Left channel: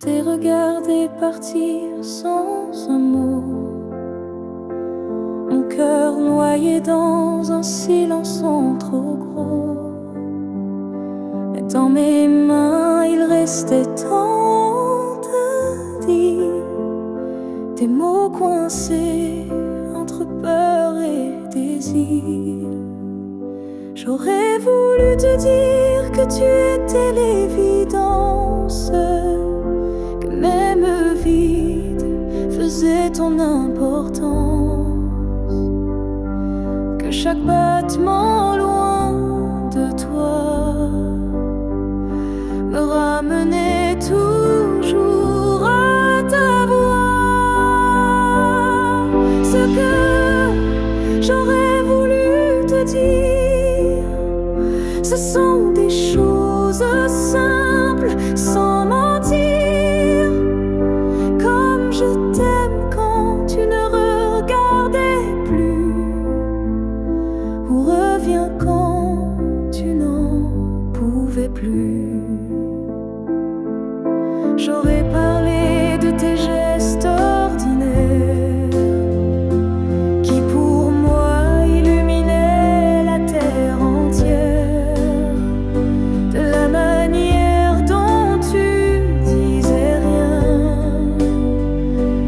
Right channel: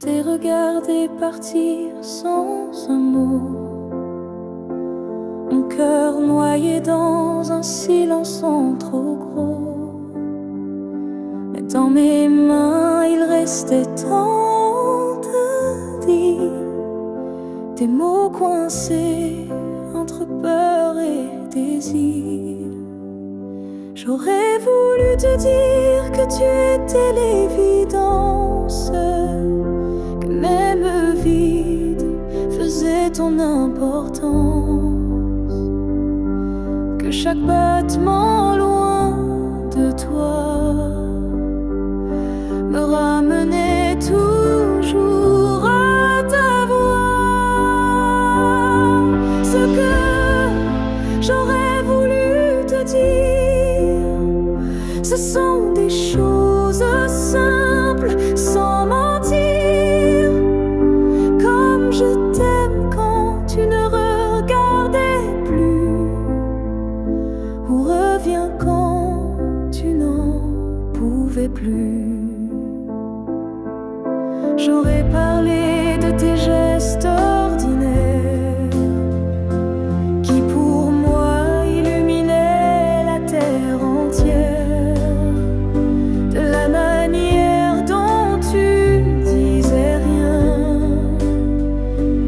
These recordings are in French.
t'ai regardé partir sans un mot, mon cœur noyé dans un silence trop gros. Mais dans mes mains il restait tant à dire, des mots coincés entre peur et désir. J'aurais voulu te dire que tu étais l'évidence, que même vide faisait ton importance, que chaque battement loin de toi me ramenait toujours à ta voix. Ce que j'aurais voulu te dire, ce sont des choses simples, sans mentir. Comme je t'aime quand tu ne regardais plus, ou reviens quand tu n'en pouvais plus. J'aurais parlé de tes gestes ordinaires qui pour moi illuminaient la terre entière, de la manière dont tu disais rien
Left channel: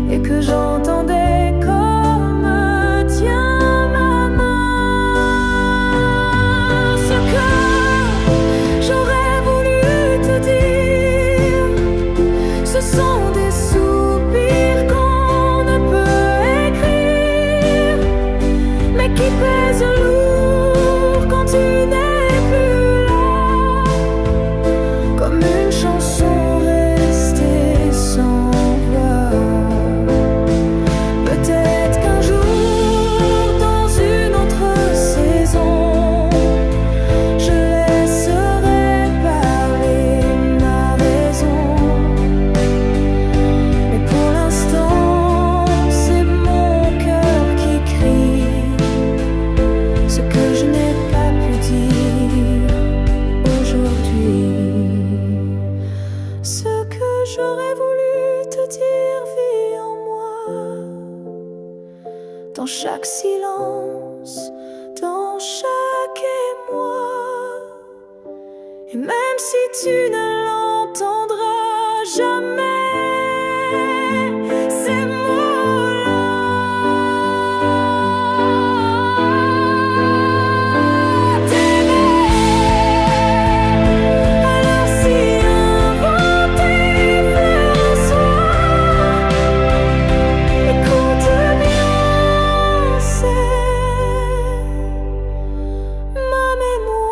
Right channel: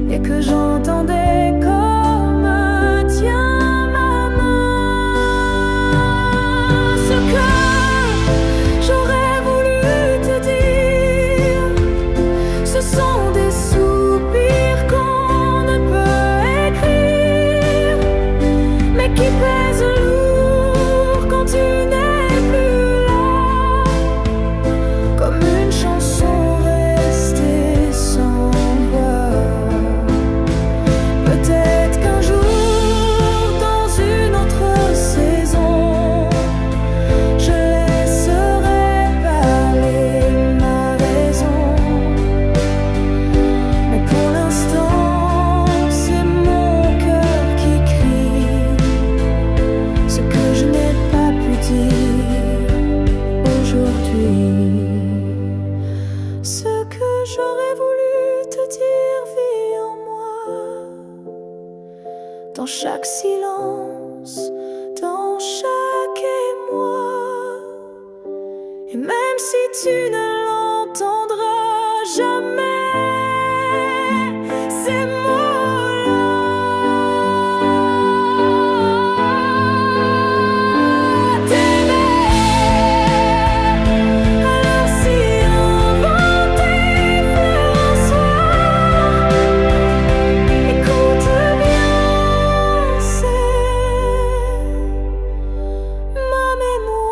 et que j'entendais comme tiens ma main. Ce que j'aurais voulu te dire, ce sont des soupirs qu'on ne peut écrire, mais qui pèsent lourd quand tu n'es plus là, comme une chanson restée sans voix. Peut-être qu'un jour, dans une autre saison, je laisserai parler ma raison. Mais pour l'instant, c'est mon cœur qui crie ce que je n'ai pas pu dire aujourd'hui. Ce que j'aurais voulu te dire vit en moi, dans chaque silence, dans chaque émoi. Et même si tu ne l'entendras jamais, ces mots-là, t'aimer. Alors si un vent t'effleure un soir, écoute bien, c'est ma mémoire.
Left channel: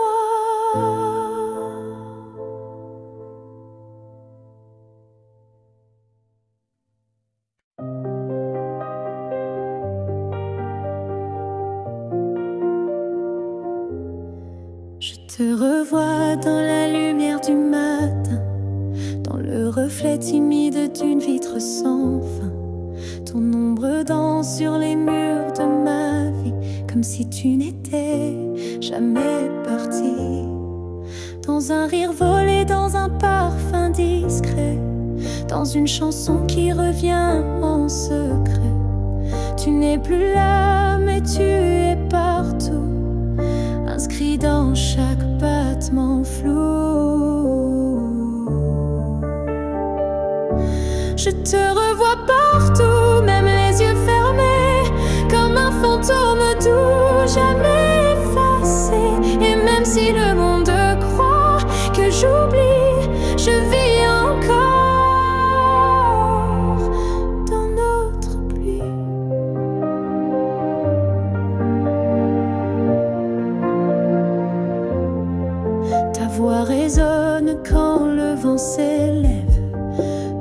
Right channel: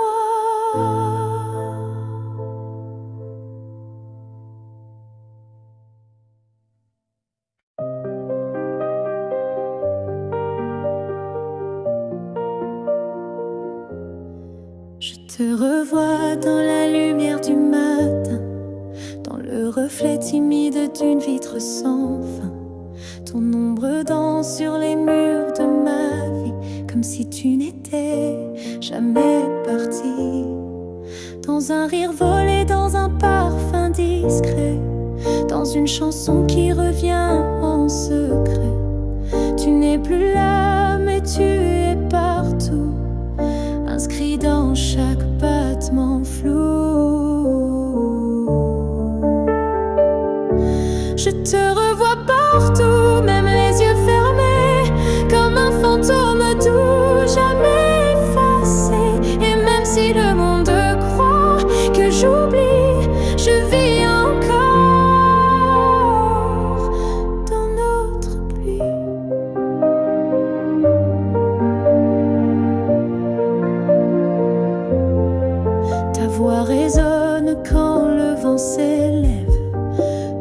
Je te revois dans la lumière du matin, dans le reflet timide d'une vitre sans fin. Ton ombre danse sur les murs de ma vie, comme si tu n'étais jamais parti. Dans un rire volé, dans un parfum discret, dans une chanson qui revient en secret. Tu n'es plus là, mais tu es partout, inscrit dans chaque battement flou. Je te revois partout, même les yeux fermés, comme un fantôme doux, jamais effacé. Et même si le monde croit que j'oublie, je vis encore dans notre pluie. Ta voix résonne quand le vent s'élève,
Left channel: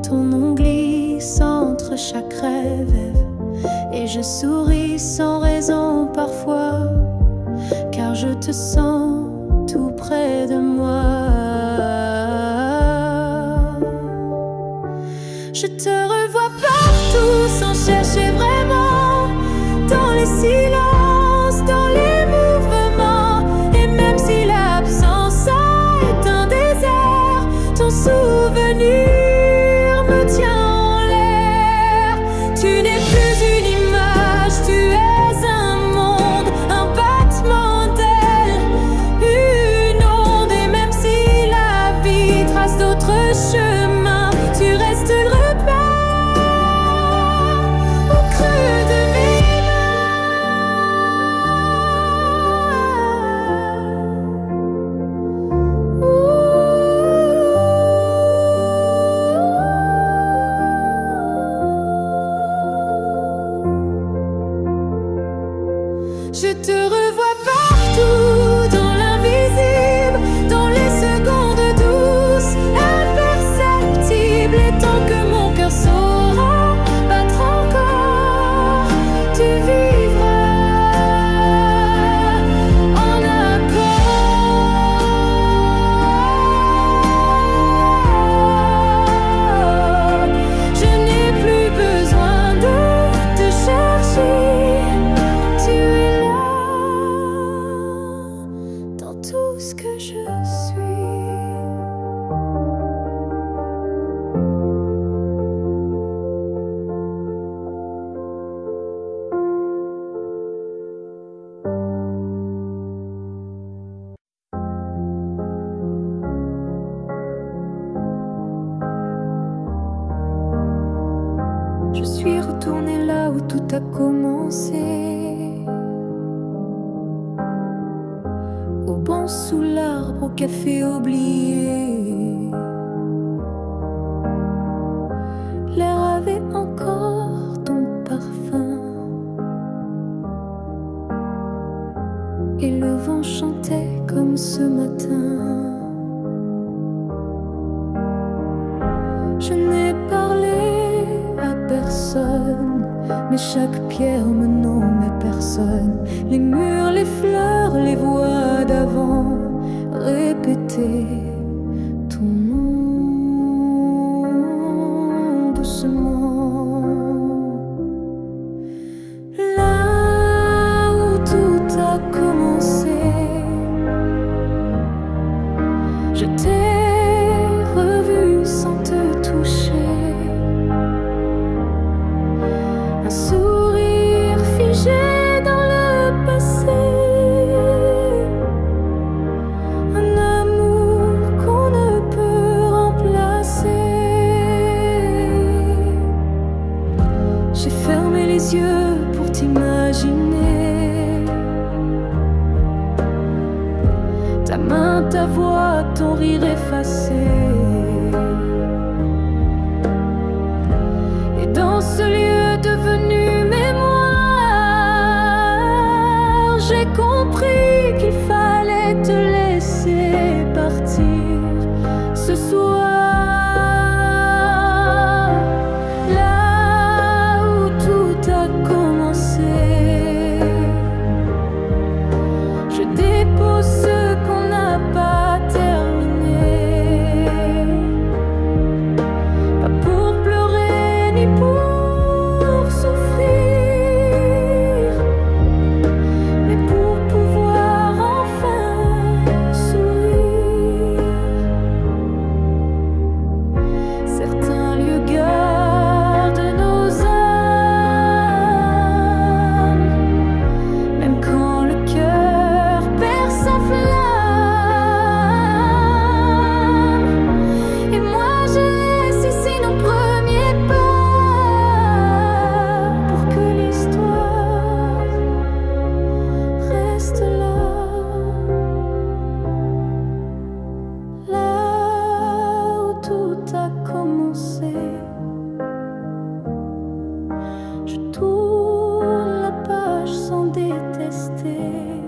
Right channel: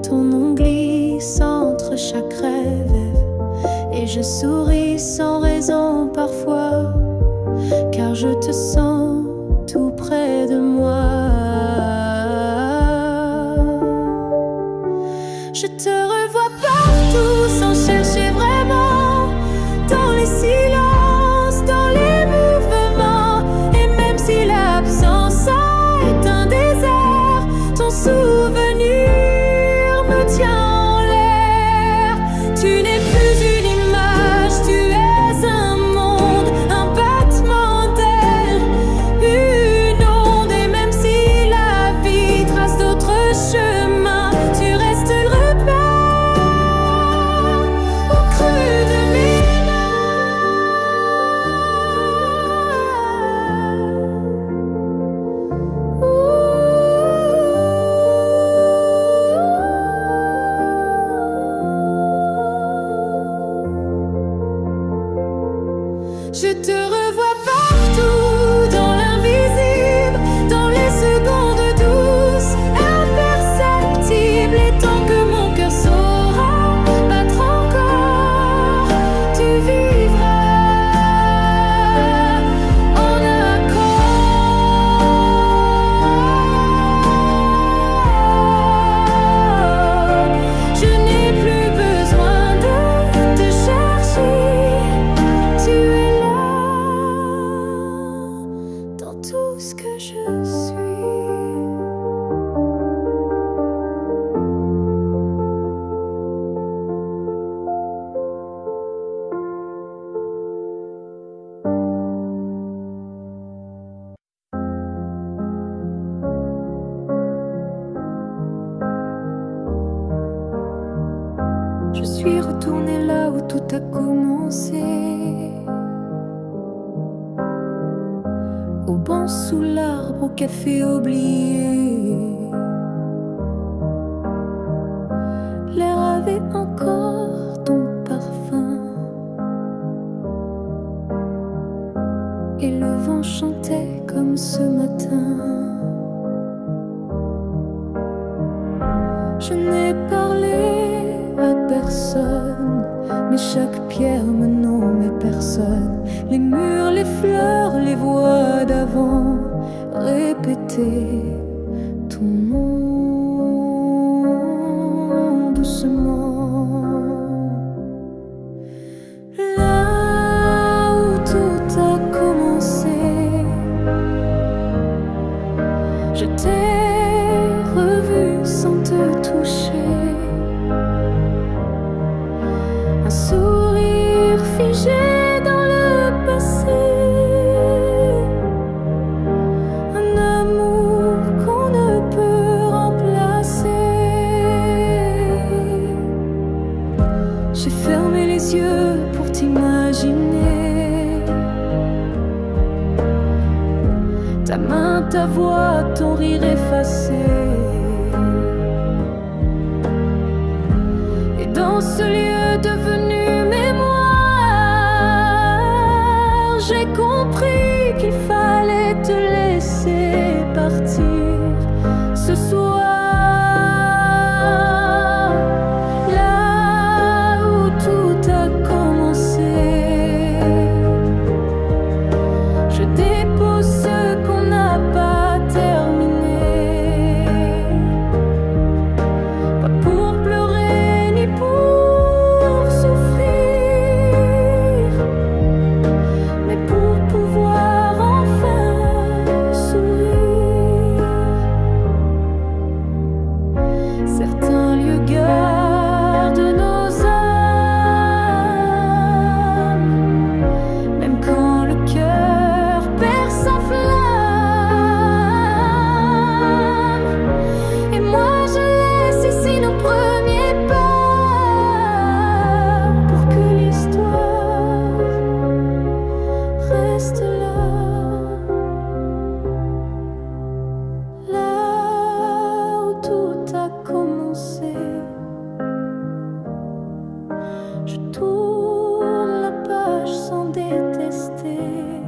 ton nom glisse entre chaque rêve. Et je souris sans raison parfois, car je te sens tout près de moi. Je te revois partout sans chercher vraiment, dans les silences, dans les mouvements. Et même si l'absence a est un désert, ton souvenir me Je te revois partout, dans l'invisible, dans les secondes douces, imperceptibles. Et tant que mon cœur saura battre encore, tu vivras en accord. Je n'ai plus besoin de te chercher, tu es là dans tout ce que je suis. Je suis retournée là où tout a commencé, au banc sous l'arbre, au café oublié. L'air avait encore ton parfum et le vent chantait comme ce matin. Je n'ai parlé à personne, mais chaque pierre me nommait personne. Les murs, les fleurs, les voix d'avant répétaient ton nom doucement. Là où tout a commencé, je t'ai revu sans te toucher. Un sourire figé dans le passé, un amour qu'on ne peut remplacer. J'ai fermé les yeux pour t'imaginer, ta main, ta voix, ton rire effacé. Et dans ce lieu devenu mémoire, j'ai compris qu'il fallait te laisser partir ce soir. Là où tout a commencé, je dépose ce qu'on n'a pas terminé, pas pour pleurer ni pour souffrir, mais pour pouvoir enfin sourire. Certains lieux gardent nos âmes, même quand le cœur perd sa flamme. Et moi je laisse ici nos premiers pas, pour que l'histoire reste là. Là où tout a commencé, je tourne la page sans détester.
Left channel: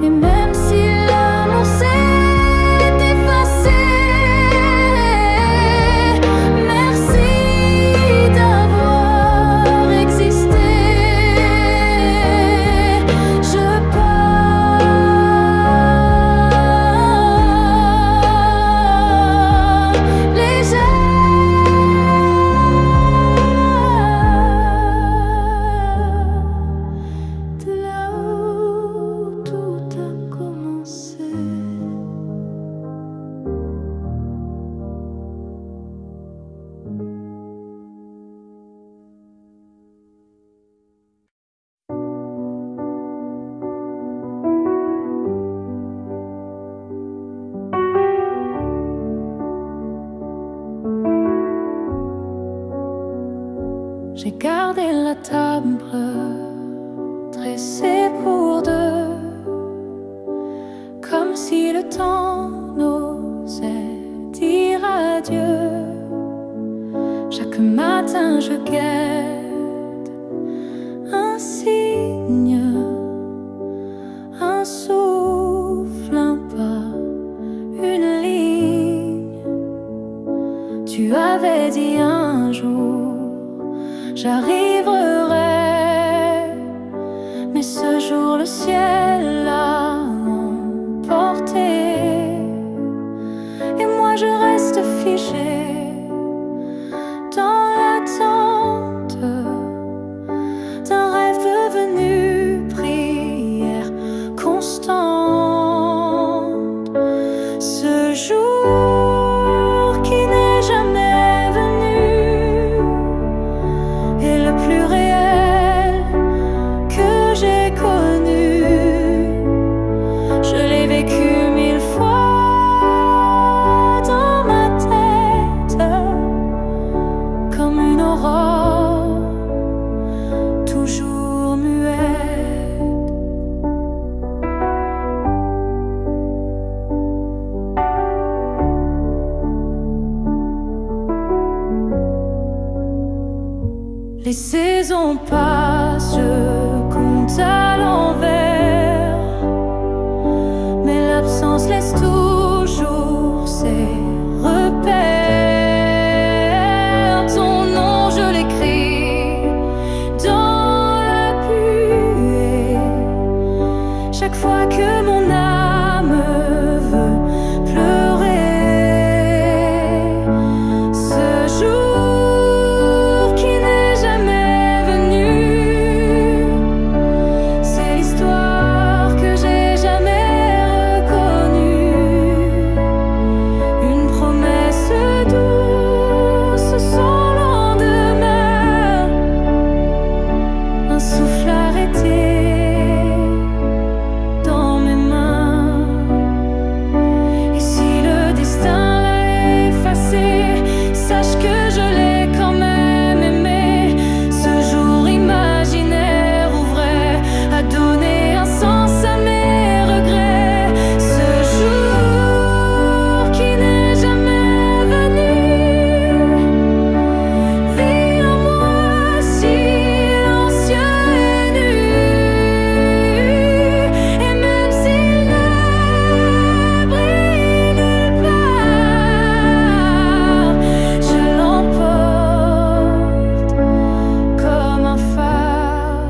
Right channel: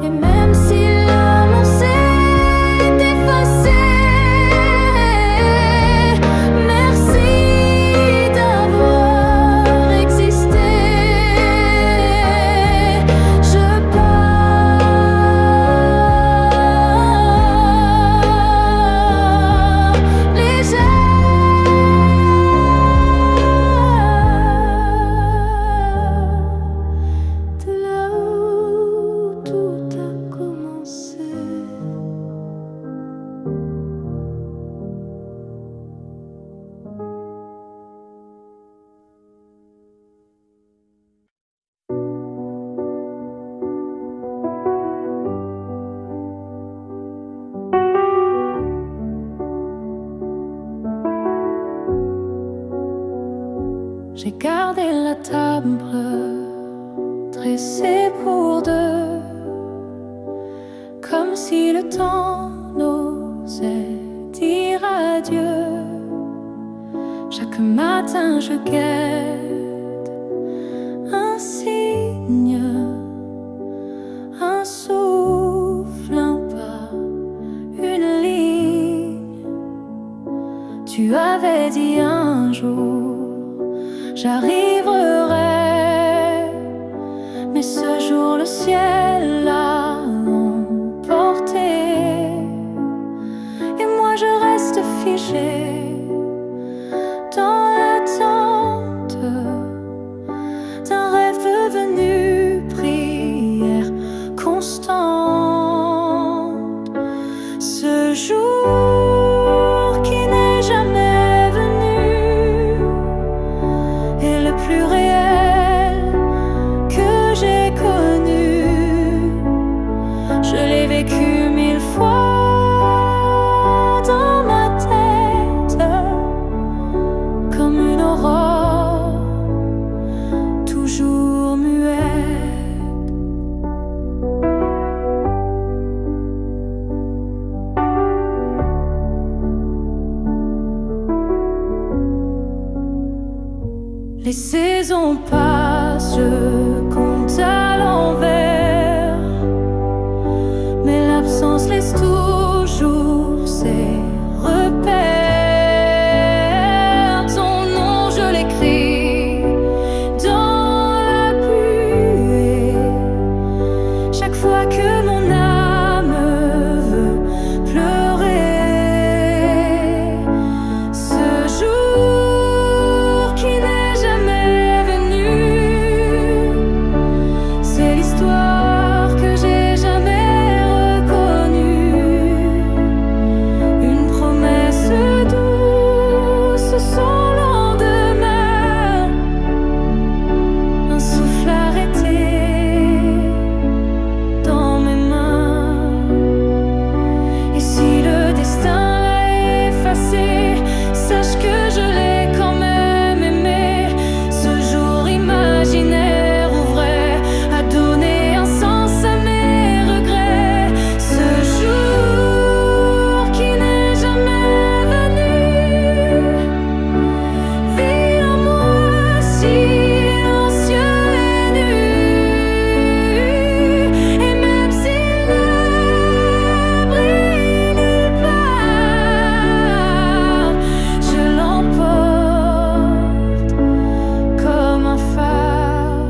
Et même si l'amour s'est effacé, merci d'avoir existé. Je pars légère de là où tout a commencé. J'ai gardé la table dressée pour deux, comme si le temps n'osait dire adieu. Chaque matin je guette un un signe, un souffle, un pas, une ligne. Tu avais dit un jour j'arriverai, mais ce jour le ciel l'a emporté, et moi je reste figée dans l'attente d'un rêve devenu prière constante. Ce jour qui n'est jamais venu est le plus réel que j'ai connu. Je l'ai vécu 1000 fois dans ma tête, comme une aurore toujours muette. Les saisons passent, je compte à l'envers, mais l'absence laisse toujours ses repères. Ton nom je l'écris dans la buée, chaque fois que mon âme veut pleurer. Ce jour qui n'est jamais venu, c'est l'histoire que j'ai jamais reconnue. Une promesse douce sans lendemain, un souffle arrêté dans mes mains. Et si le destin l'a effacé, sache que je l'ai quand même aimé. Ce jour imaginaire ou vrai a donné un sens à mes regrets. Ce jour qui n'est jamais venu vit en moi silencieux et nu. Et même s'il ne brille nulle part, je l'emporte comme un phare.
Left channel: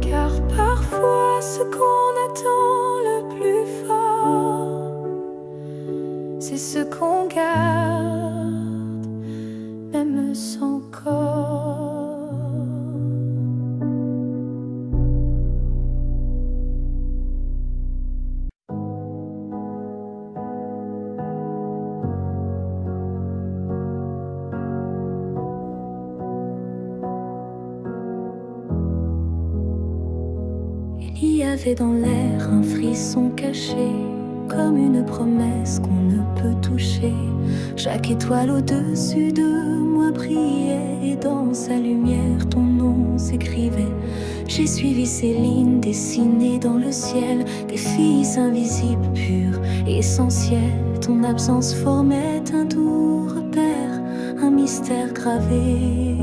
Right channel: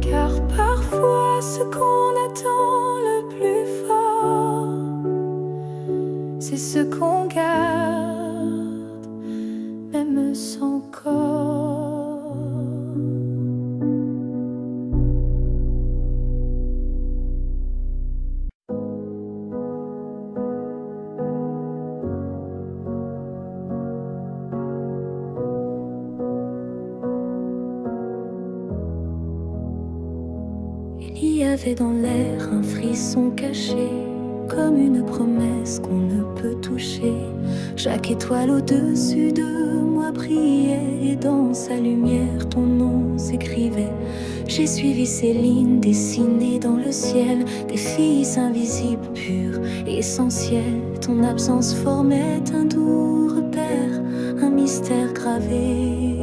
Car parfois ce qu'on attend le plus fort, c'est ce qu'on garde même sans corps. Il y avait dans l'air un frisson caché, comme une promesse qu'on ne peut toucher. Chaque étoile au-dessus de moi brillait, et dans sa lumière ton nom s'écrivait. J'ai suivi ces lignes dessinées dans le ciel, des filles invisibles, pures, essentielles. Ton absence formait un doux repère, un mystère gravé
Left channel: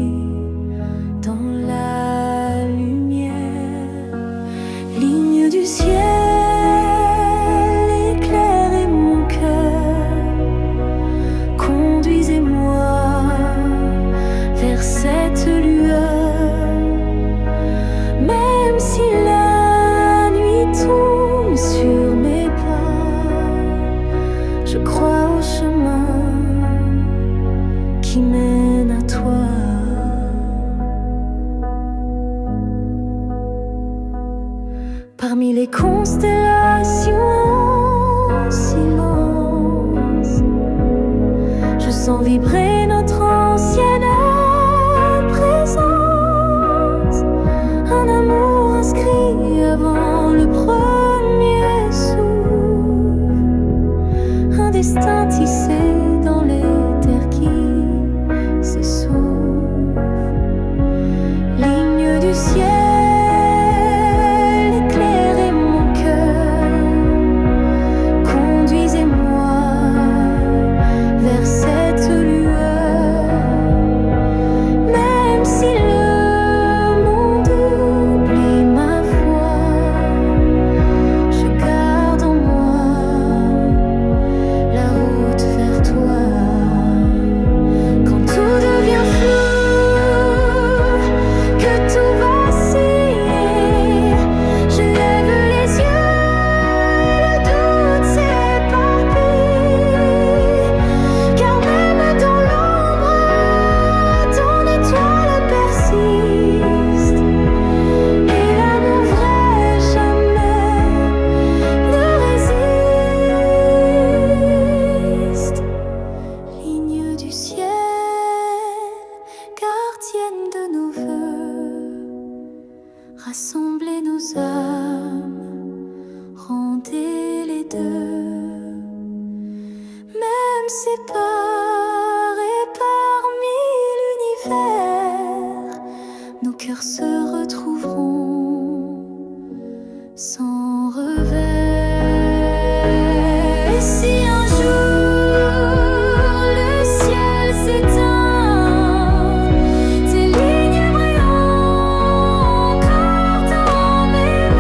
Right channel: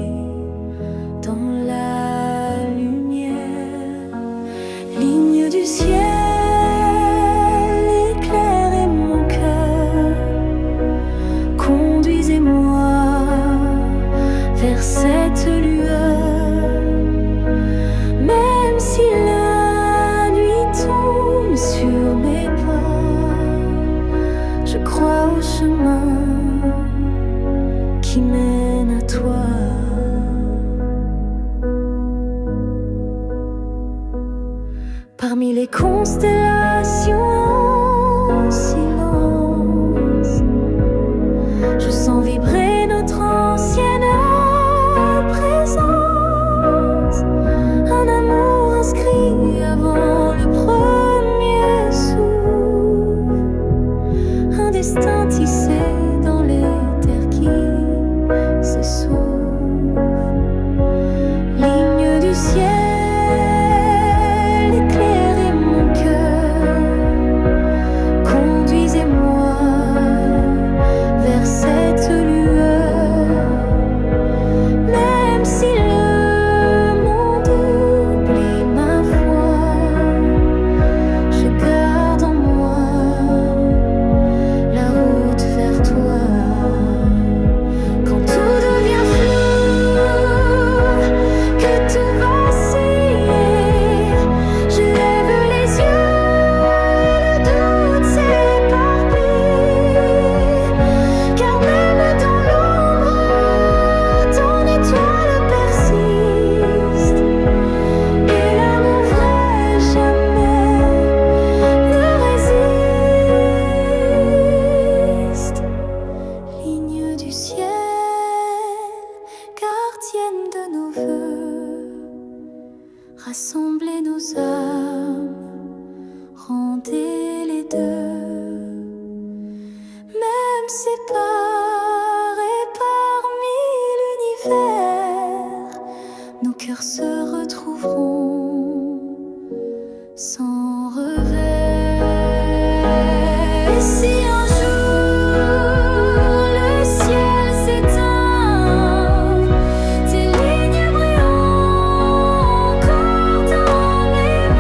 dans la lumière. Ligne du ciel, éclairez mon cœur, conduisez-moi vers cette lueur. Même si la nuit tombe sur mes pas, je crois au chemin qui mène à toi. Parmi les constellations en silence, je sens vibrer notre ancienne présence. Un amour inscrit avant le premier souffle, un destin tissé dans les terres qui s'essoufflent. Ligne du ciel, éclairez mon cœur, conduisez-moi vers cette lueur. Même si le monde tienne de nos voeux, rassemblez nos âmes, rendez les deux. Même séparés parmi l'univers, nos cœurs se retrouveront sans revers. Et si un jour le ciel s'éteint, tes lignes brilleront encore dans mes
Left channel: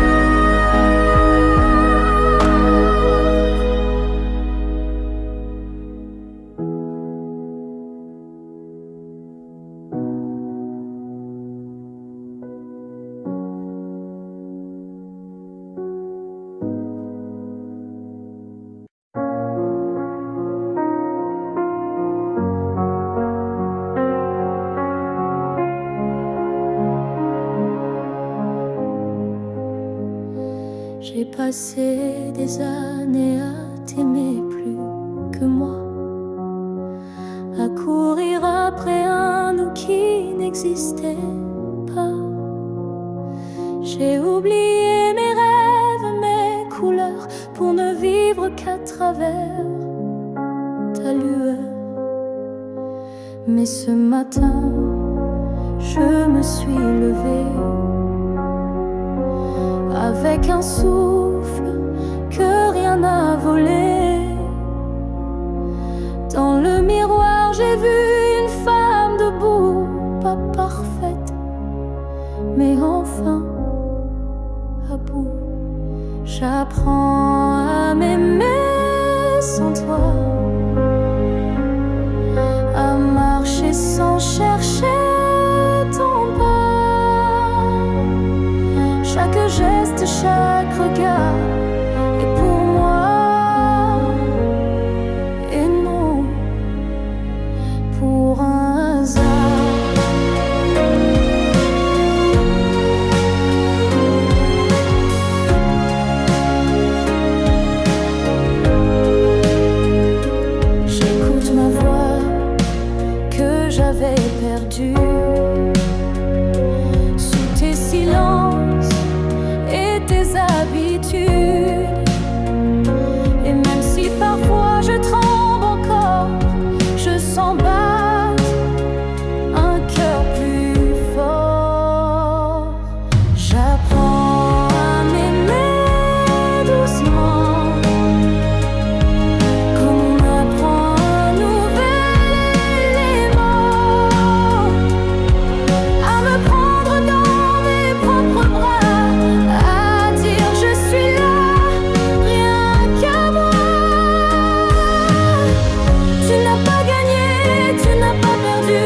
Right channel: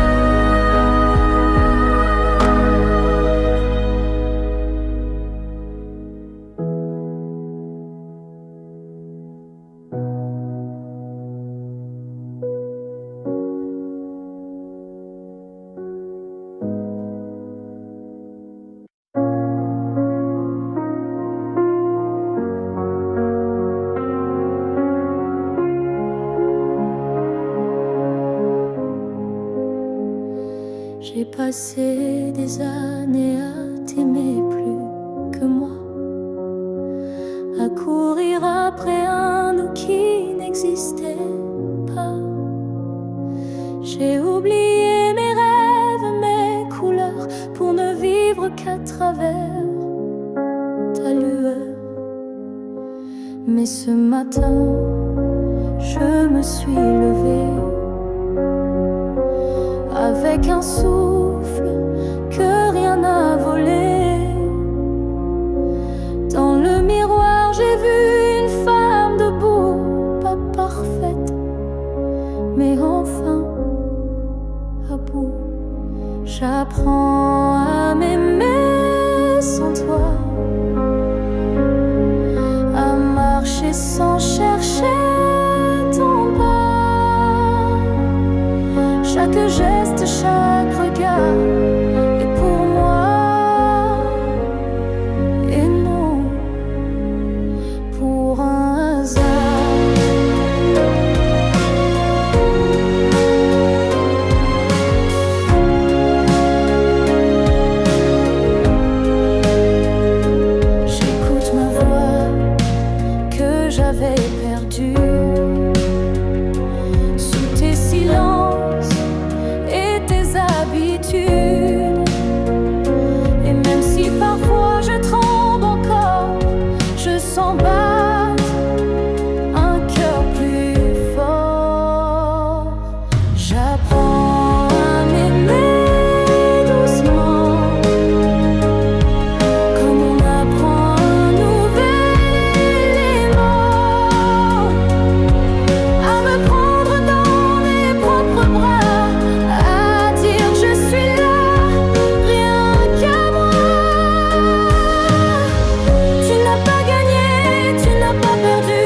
J'ai passé des années à t'aimer plus que moi, à courir après un nous qui n'existait pas. J'ai oublié mes rêves, mes couleurs, pour ne vivre qu'à travers ta lueur. Mais ce matin, je me suis levée avec un souffle que rien n'a volé. Dans le miroir, j'ai vu une femme debout, pas parfaite, mais enfin à bout. J'apprends à m'aimer sans toi, à marcher sans chercher ton pas. Chaque geste, chaque regard est pour moi, et non pour un hasard. J'écoute ma voix que j'avais perdue sous tes silences et tes habitudes. Et même si parfois je tremble encore, je sens battre un cœur plus fort. J'apprends à m'aimer doucement, comme on apprend un nouvel élément, à me prendre dans mes propres bras, à dire je suis là, rien qu'à moi. Tu n'as pas gagné, tu n'as pas perdu,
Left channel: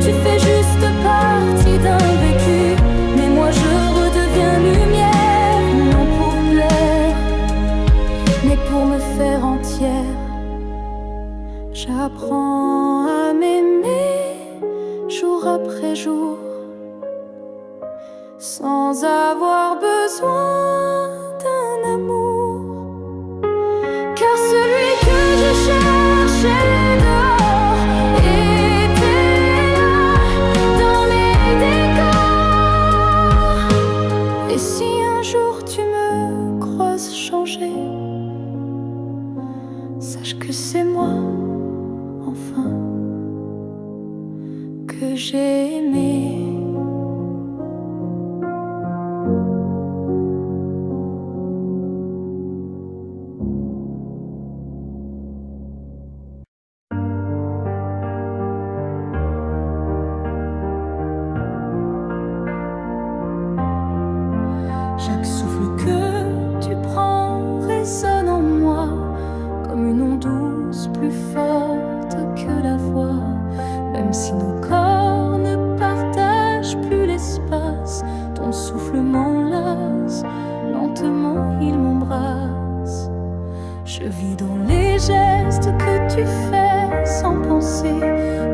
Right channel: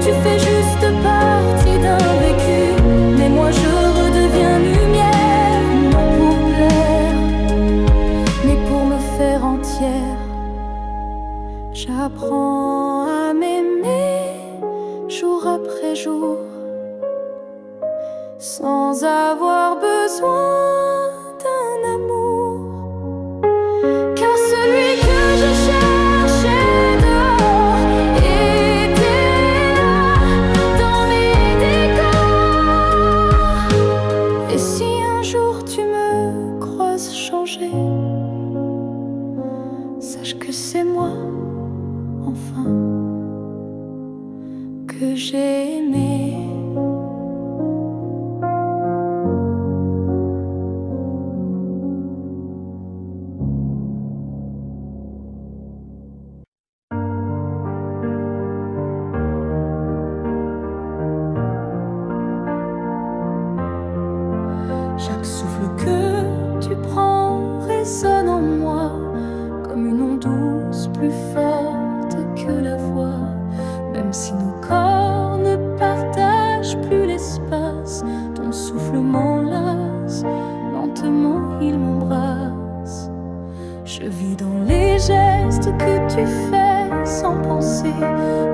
tu fais juste partie d'un vécu. Mais moi je redeviens lumière, non pour plaire, mais pour me faire entière. J'apprends à m'aimer jour après jour, sans avoir besoin d'un amour. Car celui que je cherchais dehors était là, dans mes décors. Et si un jour tu me croises changer, sache que c'est moi, enfin, que j'ai aimé. Chaque souffle que tu prends résonne en moi comme une onde douce, plus forte que la voix. Même si nos corps ne partagent plus l'espace, ton souffle m'enlace, lentement il m'embrasse. Je vis dans les gestes que tu fais sans penser,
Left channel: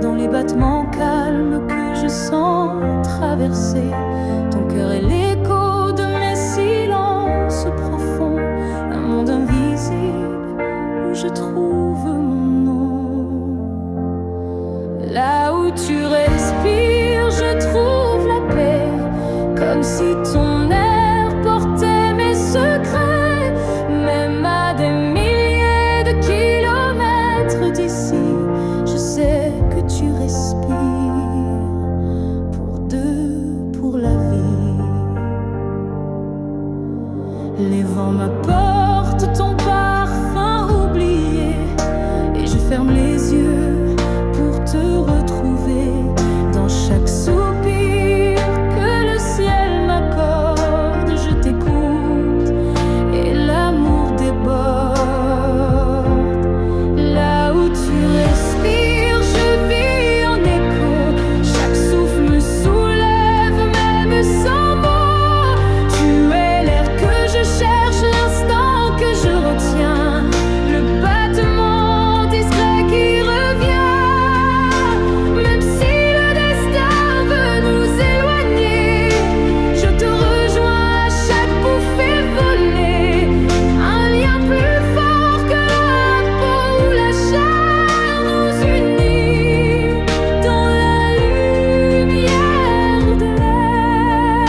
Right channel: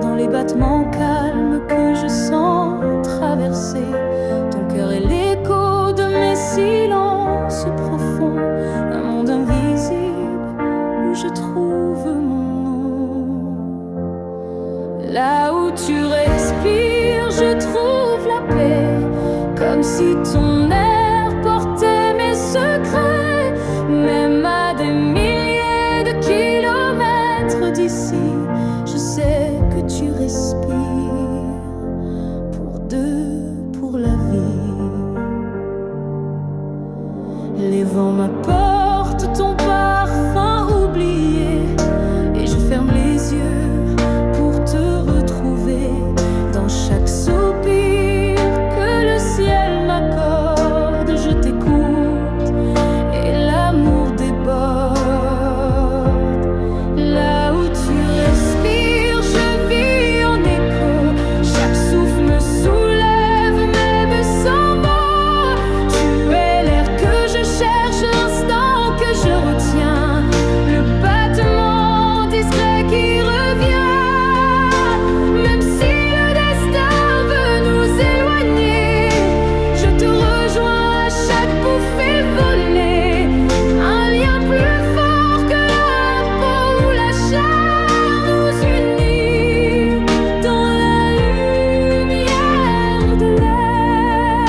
dans les battements calmes que je sens traverser. Ton cœur est l'écho de mes silences profonds, un monde invisible où je trouve mon nom. Là où tu respires, je trouve la paix, comme si ton air portait mes secrets. Même à des milliers de kilomètres d'ici, je sais que tu respires pour deux, pour la vie. Les vents m'apportent ton parfum oublié, et je ferme les yeux pour te retrouver dans chaque soupir que le ciel m'accorde. Je t'écoute et l'amour déborde. Là où tu respires, je vis en écho. Chaque souffle me soulève, même sans mots. Tu es l'air que je cherche, l'instant que je retiens, le battement discret qui revient. Même si le destin veut nous éloigner, je te rejoins à chaque bouffée volée. Un lien plus fort que la peau ou la chair nous unit dans la lumière de l'air.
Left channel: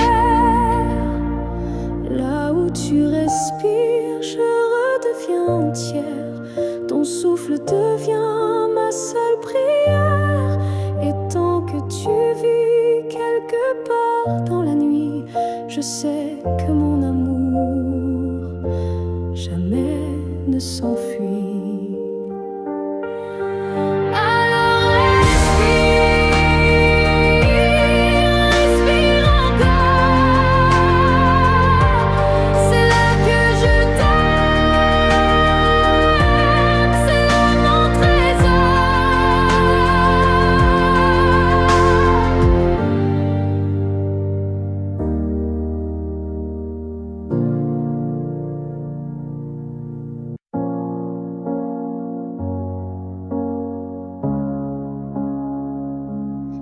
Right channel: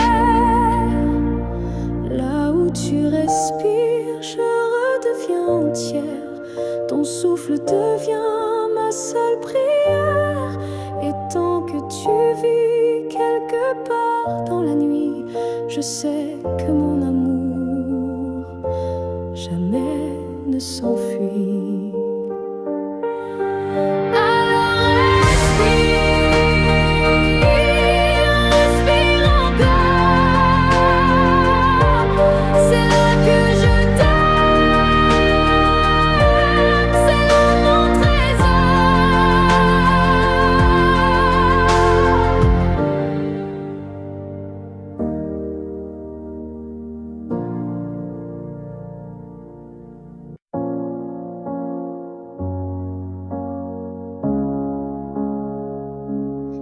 Là où tu respires, je redeviens entière. Ton souffle devient ma seule prière. Et tant que tu vis quelque part dans la nuit, je sais que mon amour jamais ne s'enfuit. Alors respire, respire encore. C'est là que je t'aime, c'est là mon trésor.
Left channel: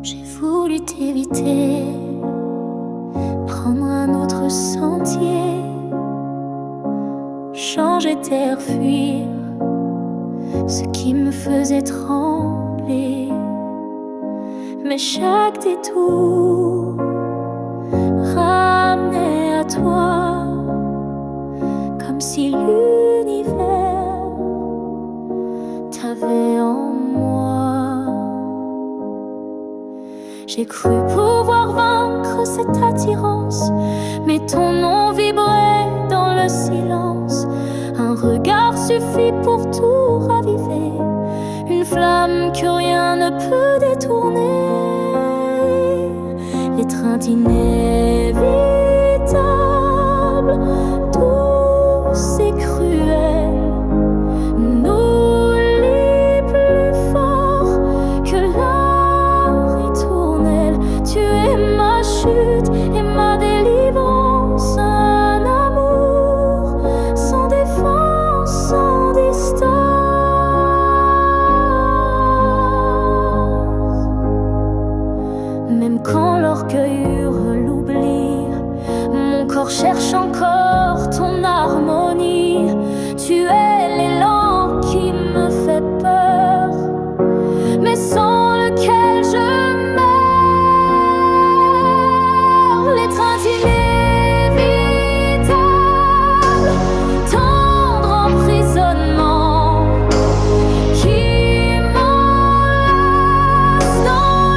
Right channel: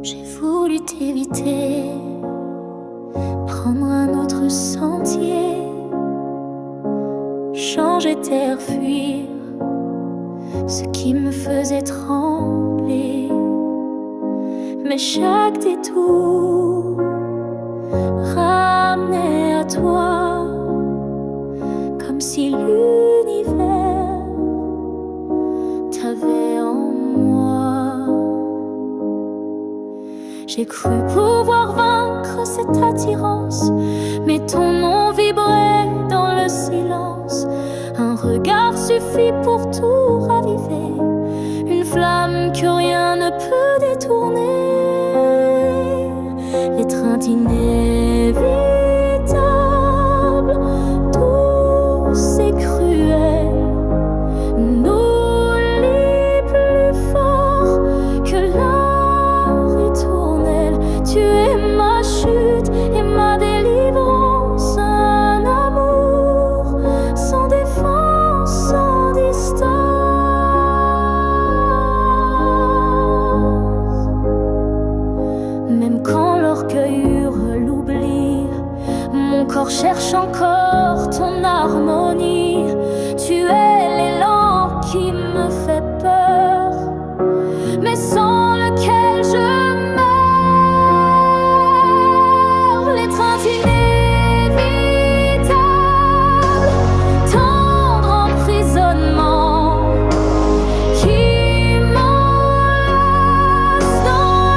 J'ai voulu t'éviter, prendre un autre sentier, changer d'air, fuir ce qui me faisait trembler. Mais chaque détour ramenait à toi, comme si l'univers t'avait en moi. J'ai cru pouvoir vaincre cette attirance, mais ton nom vibrait dans le silence. Un regard suffit pour tout raviver, une flamme que rien ne peut détourner. L'étreinte inévitable, douce et cruelle, nous lie plus fort que la ritournelle. Tu es ma chute et ma délivrance, un amour sans défense, sans distance. Même quand l'orgueil hurle l'oubli, mon corps cherche encore ton harmonie. Tu es l'élan qui me fait peur, mais sans lequel je meurs. L'étreinte inévitable, tendre emprisonnement qui m'enlace dans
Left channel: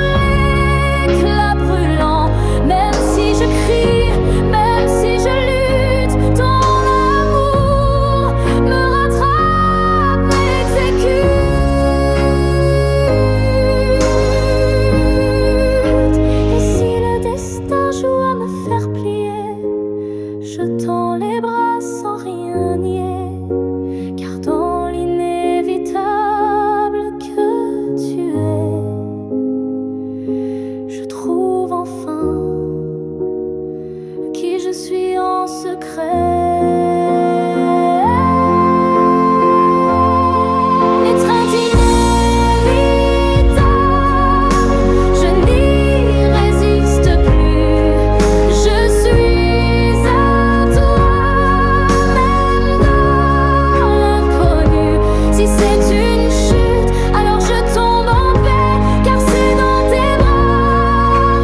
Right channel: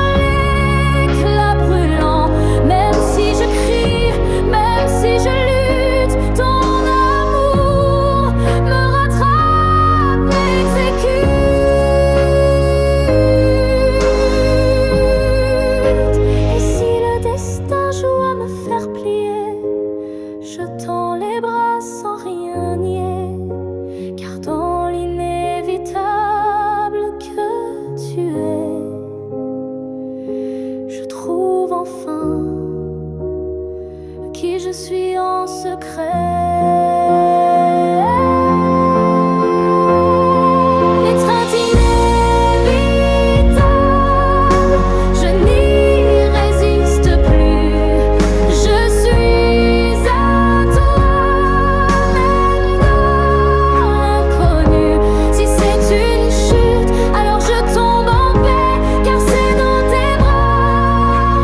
l'éclat brûlant. Même si je crie, même si je lutte, ton amour me rattrape, m'exécute. Et si le destin joue à me faire plier, je tends les bras sans rien nier, car dans l'inévitable que tu es, je trouve enfin qui je suis en secret. L'étreinte inévitable, je n'y résiste plus. Je suis à toi, même dans l'inconnu. Si c'est une chute, alors je tombe en paix, car c'est dans tes bras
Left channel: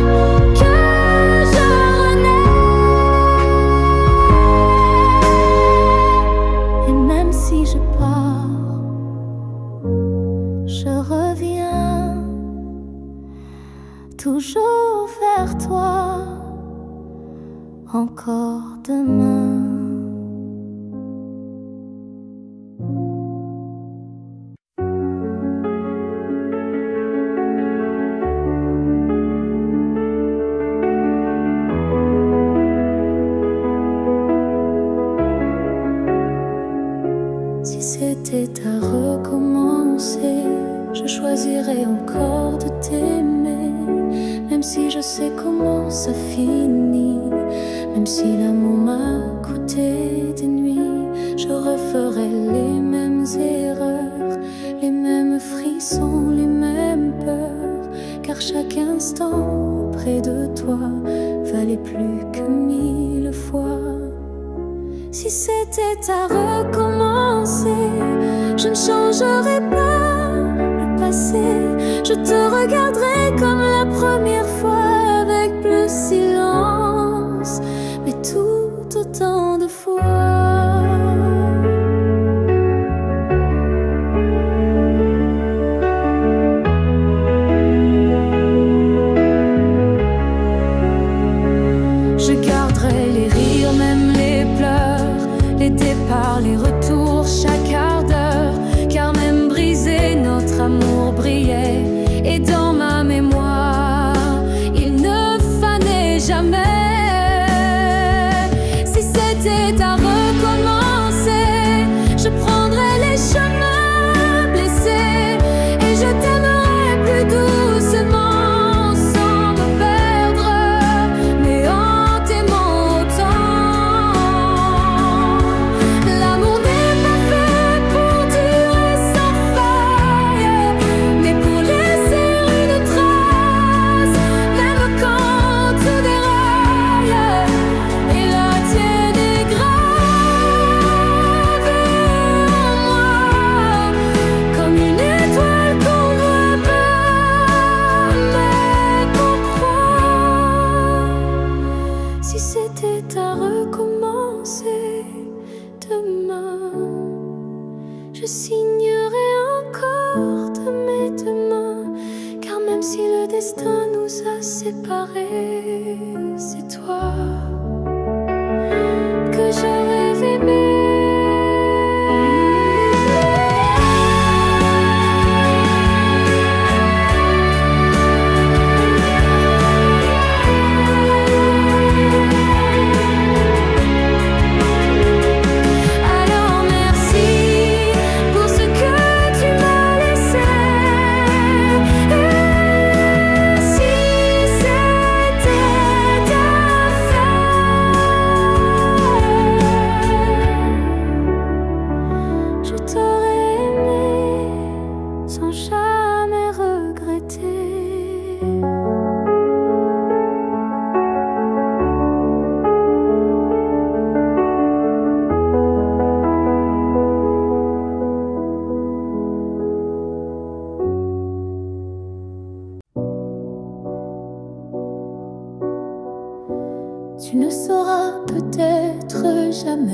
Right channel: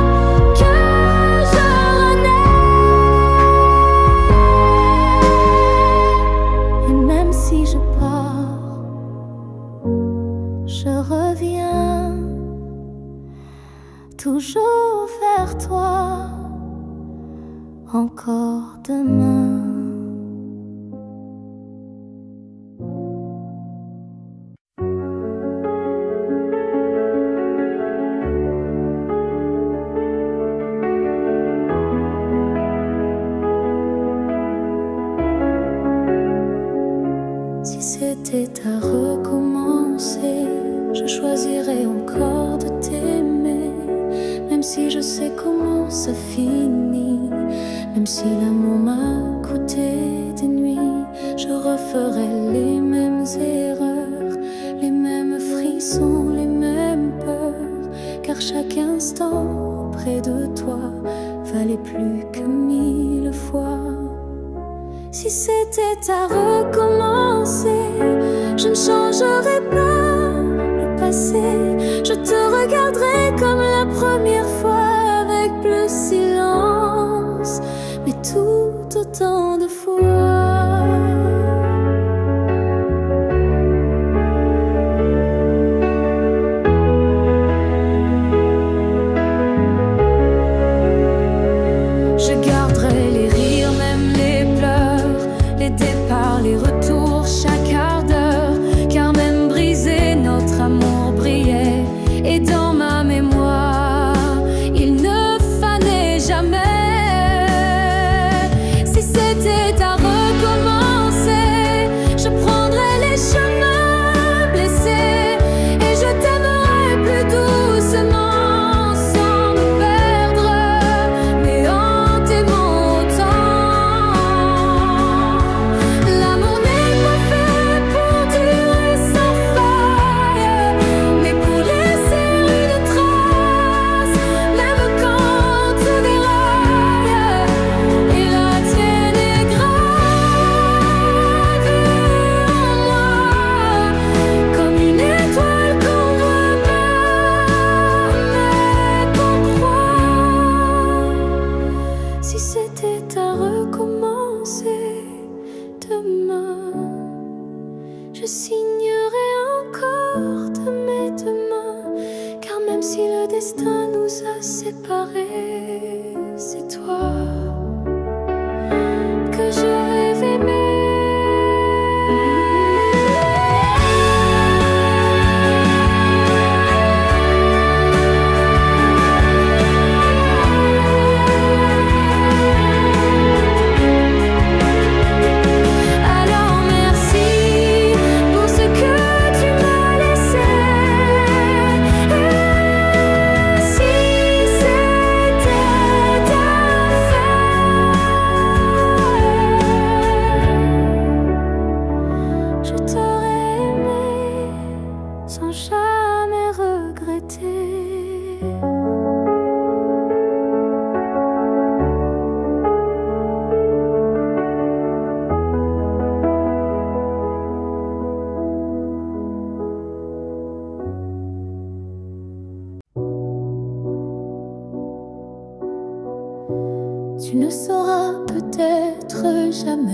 toujours vers toi, encore demain. Si c'était à recommencer, je choisirais encore de t'aimer. Même si je sais comment ça finit, même si l'amour m'a coûté des nuits, je referais les mêmes erreurs, les mêmes frissons, les mêmes peurs, car chaque instant près de toi valait plus que 1000 fois. Si c'était à recommencer, je ne changerais pas le passé. Je te regarderais comme la première fois, avec plus silence, mais tout autant de fois. Je garderai les rires, même les pleurs, les départs, les retours, chaque quart d'heure, car même brisé, notre amour brillait. Et dans ma mémoire, il ne fanait jamais. Si c'était à recommencer, je prendrais les chemins blessés et je t'aimerais plus doucement. Si c'était à recommencer demain, je signerais encore de mes deux mains, car même si le destin nous a séparés, c'est toi que je rêve aimer. Je t'aurais aimé sans jamais regretter. Tu ne sauras peut-être jamais,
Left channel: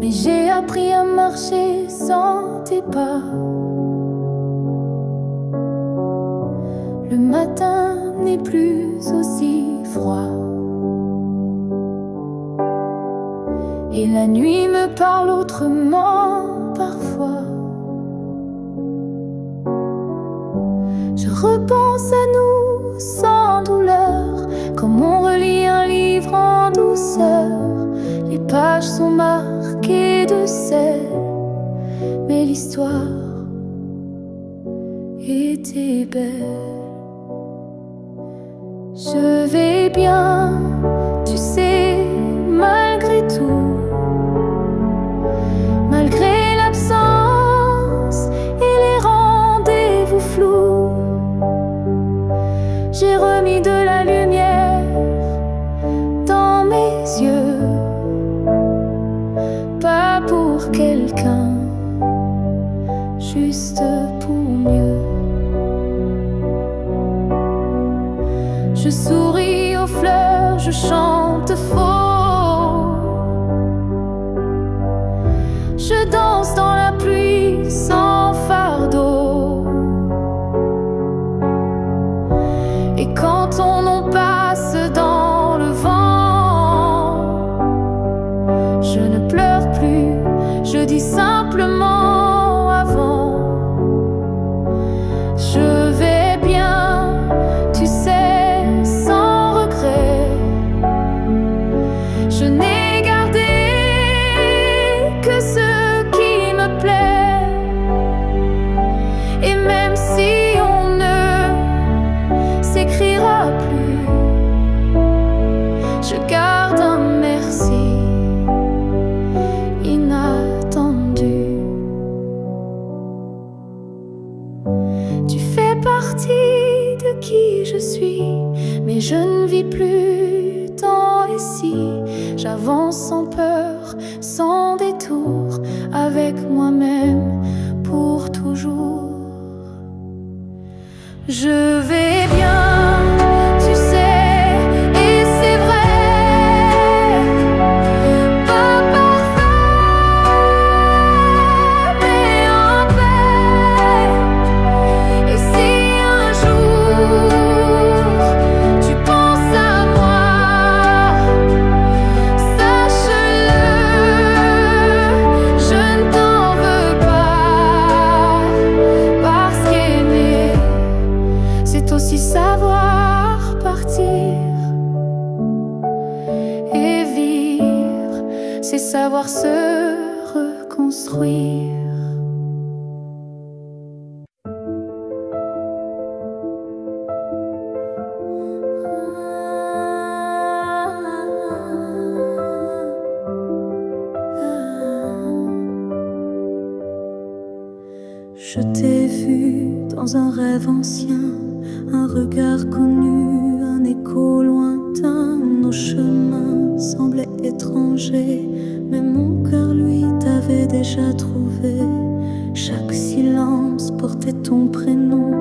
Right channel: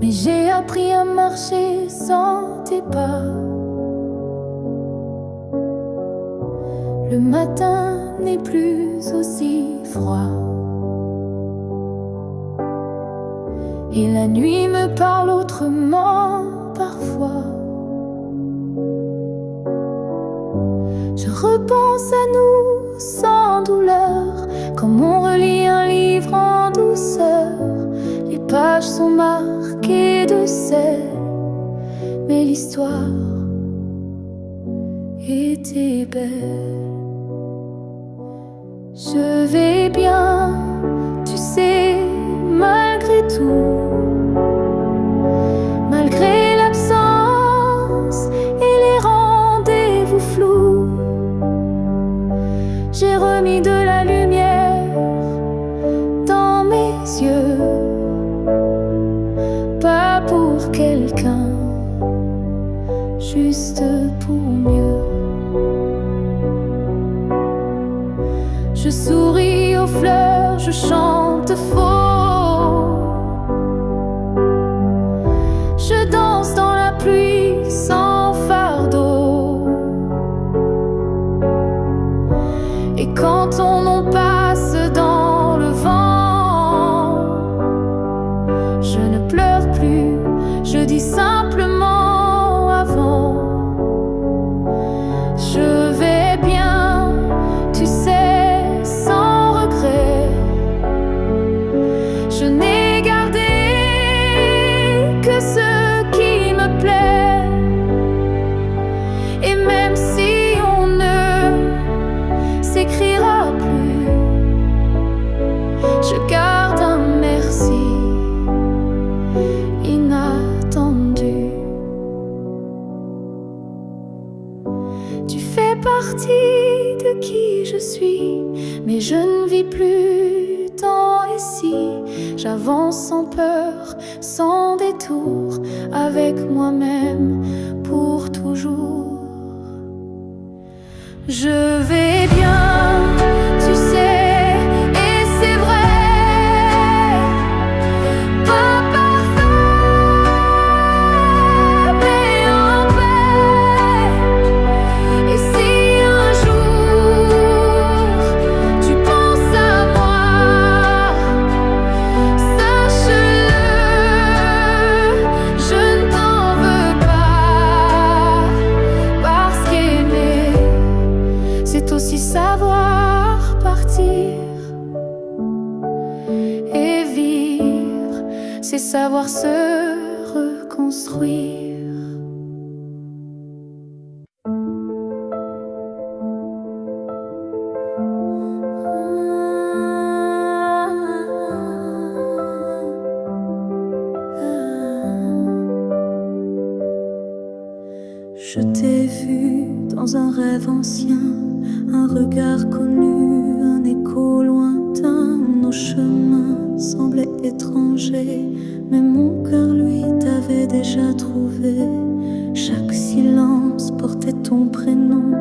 mais j'ai appris à marcher sans tes pas. Le matin n'est plus aussi froid et la nuit me parle autrement parfois. Je repense à nous sans douleur, comme on relit un livre en douceur. Les pages sont marquées de sel, mais l'histoire était belle. Je vais bien, tu sais, malgré tout, malgré l'absence et les rendez-vous flous. J'ai remis de la lumière dans mes yeux, pas pour quelqu'un, juste pour mieux. Je souris aux fleurs, je chante faux, je danse dans la pluie sans fardeau. Et quand ton nom passe dans le vent, je ne pleure plus, je dis simplement avant. Je vais bien, tu sais, sans regret. Je n'ai gardé que ce qui me plaît. Et même si on ne s'écrira plus, je garde un merci inattendu. Tu fais partie de qui je suis, mais je ne vis plus tant ici. J'avance sans peur, sans détour, avec moi-même pour toujours. Je vais bien, tu sais, et c'est vrai. Pas parfait, mais en paix. Et si un jour tu penses à moi, sache-le, je ne t'en veux pas. Parce qu'aimer, c'est aussi savoir partir. Et vivre, c'est savoir se reconstruire. Je t'ai vu dans un rêve ancien, un regard connu, un écho lointain. Nos chemins semblaient étrangers, mais mon cœur, lui, t'avait déjà trouvé. Chaque silence portait ton prénom,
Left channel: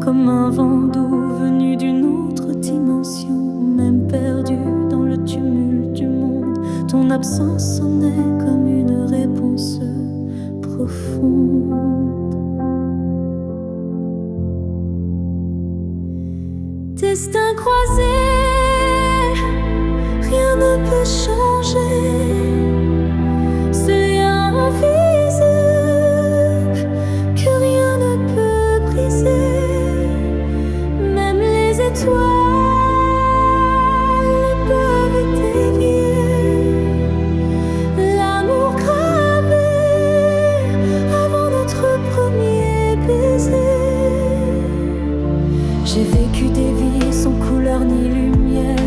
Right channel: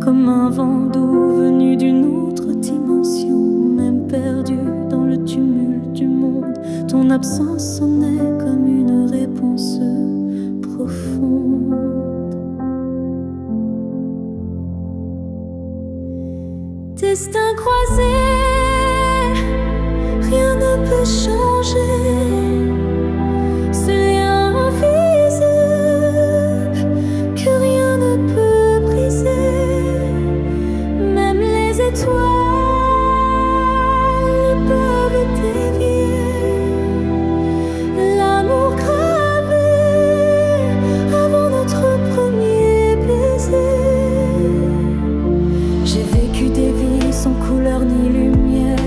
comme un vent doux venu d'une autre dimension. Même perdu dans le tumulte du monde, ton absence sonnait comme une réponse profonde. Destin croisé, rien ne peut changer. Ce lien invisible que rien ne peut briser. Même les étoiles ne peuvent dévier l'amour gravé avant notre premier baiser. J'ai vécu des vies sans couleur ni lumière,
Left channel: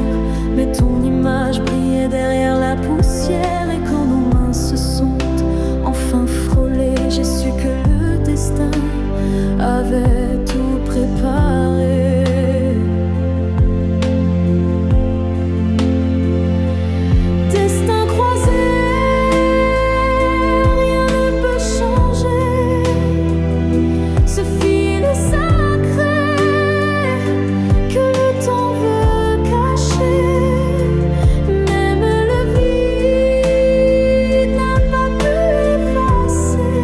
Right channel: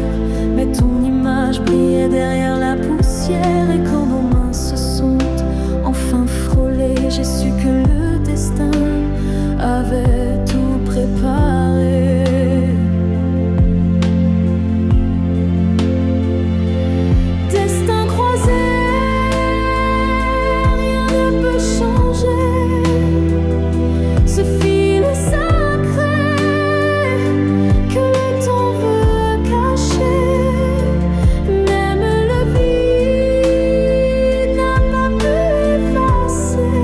mais ton image brillait derrière la poussière. Et quand nos mains se sont enfin frôlées, j'ai su que le destin avait tout préparé. Destin croisé, rien ne peut changer. Ce fil est sacré que le temps veut cacher. Même le vide n'a pas pu effacer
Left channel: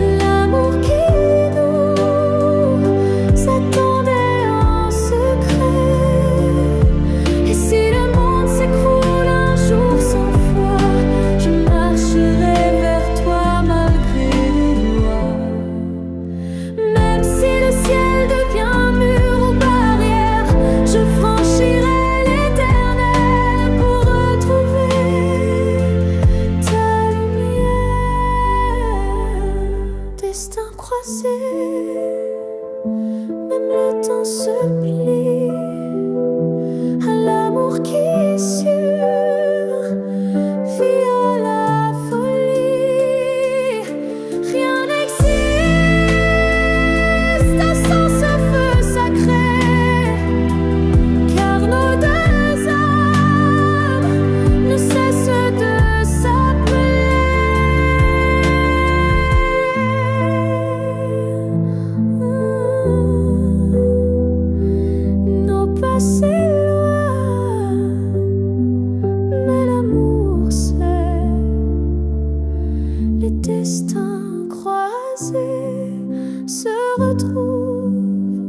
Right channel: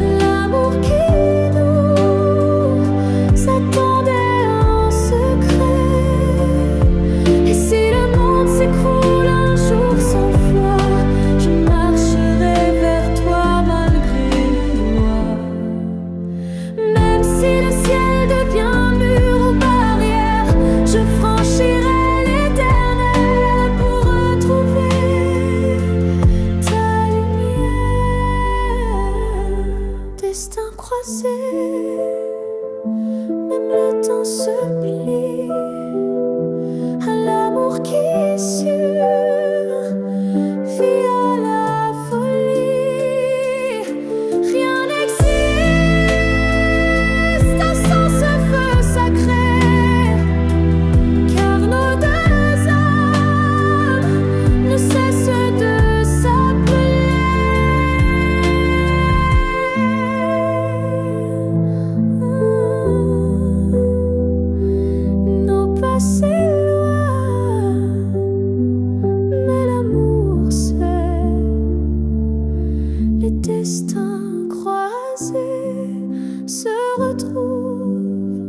l'amour qui nous attendait en secret. Et si le monde s'écroule un jour sans foi, je marcherai vers toi malgré les lois. Même si le ciel devient mur ou barrière, je franchirai l'éternel pour retrouver ta lumière. Destin croisé, même le temps se plie à l'amour qui survit à la folie. Rien n'existe sans ce feu sacré, car nos deux âmes ne cessent de s'appeler. Nos passés loin, mais l'amour c'est les destins croisés se retrouvent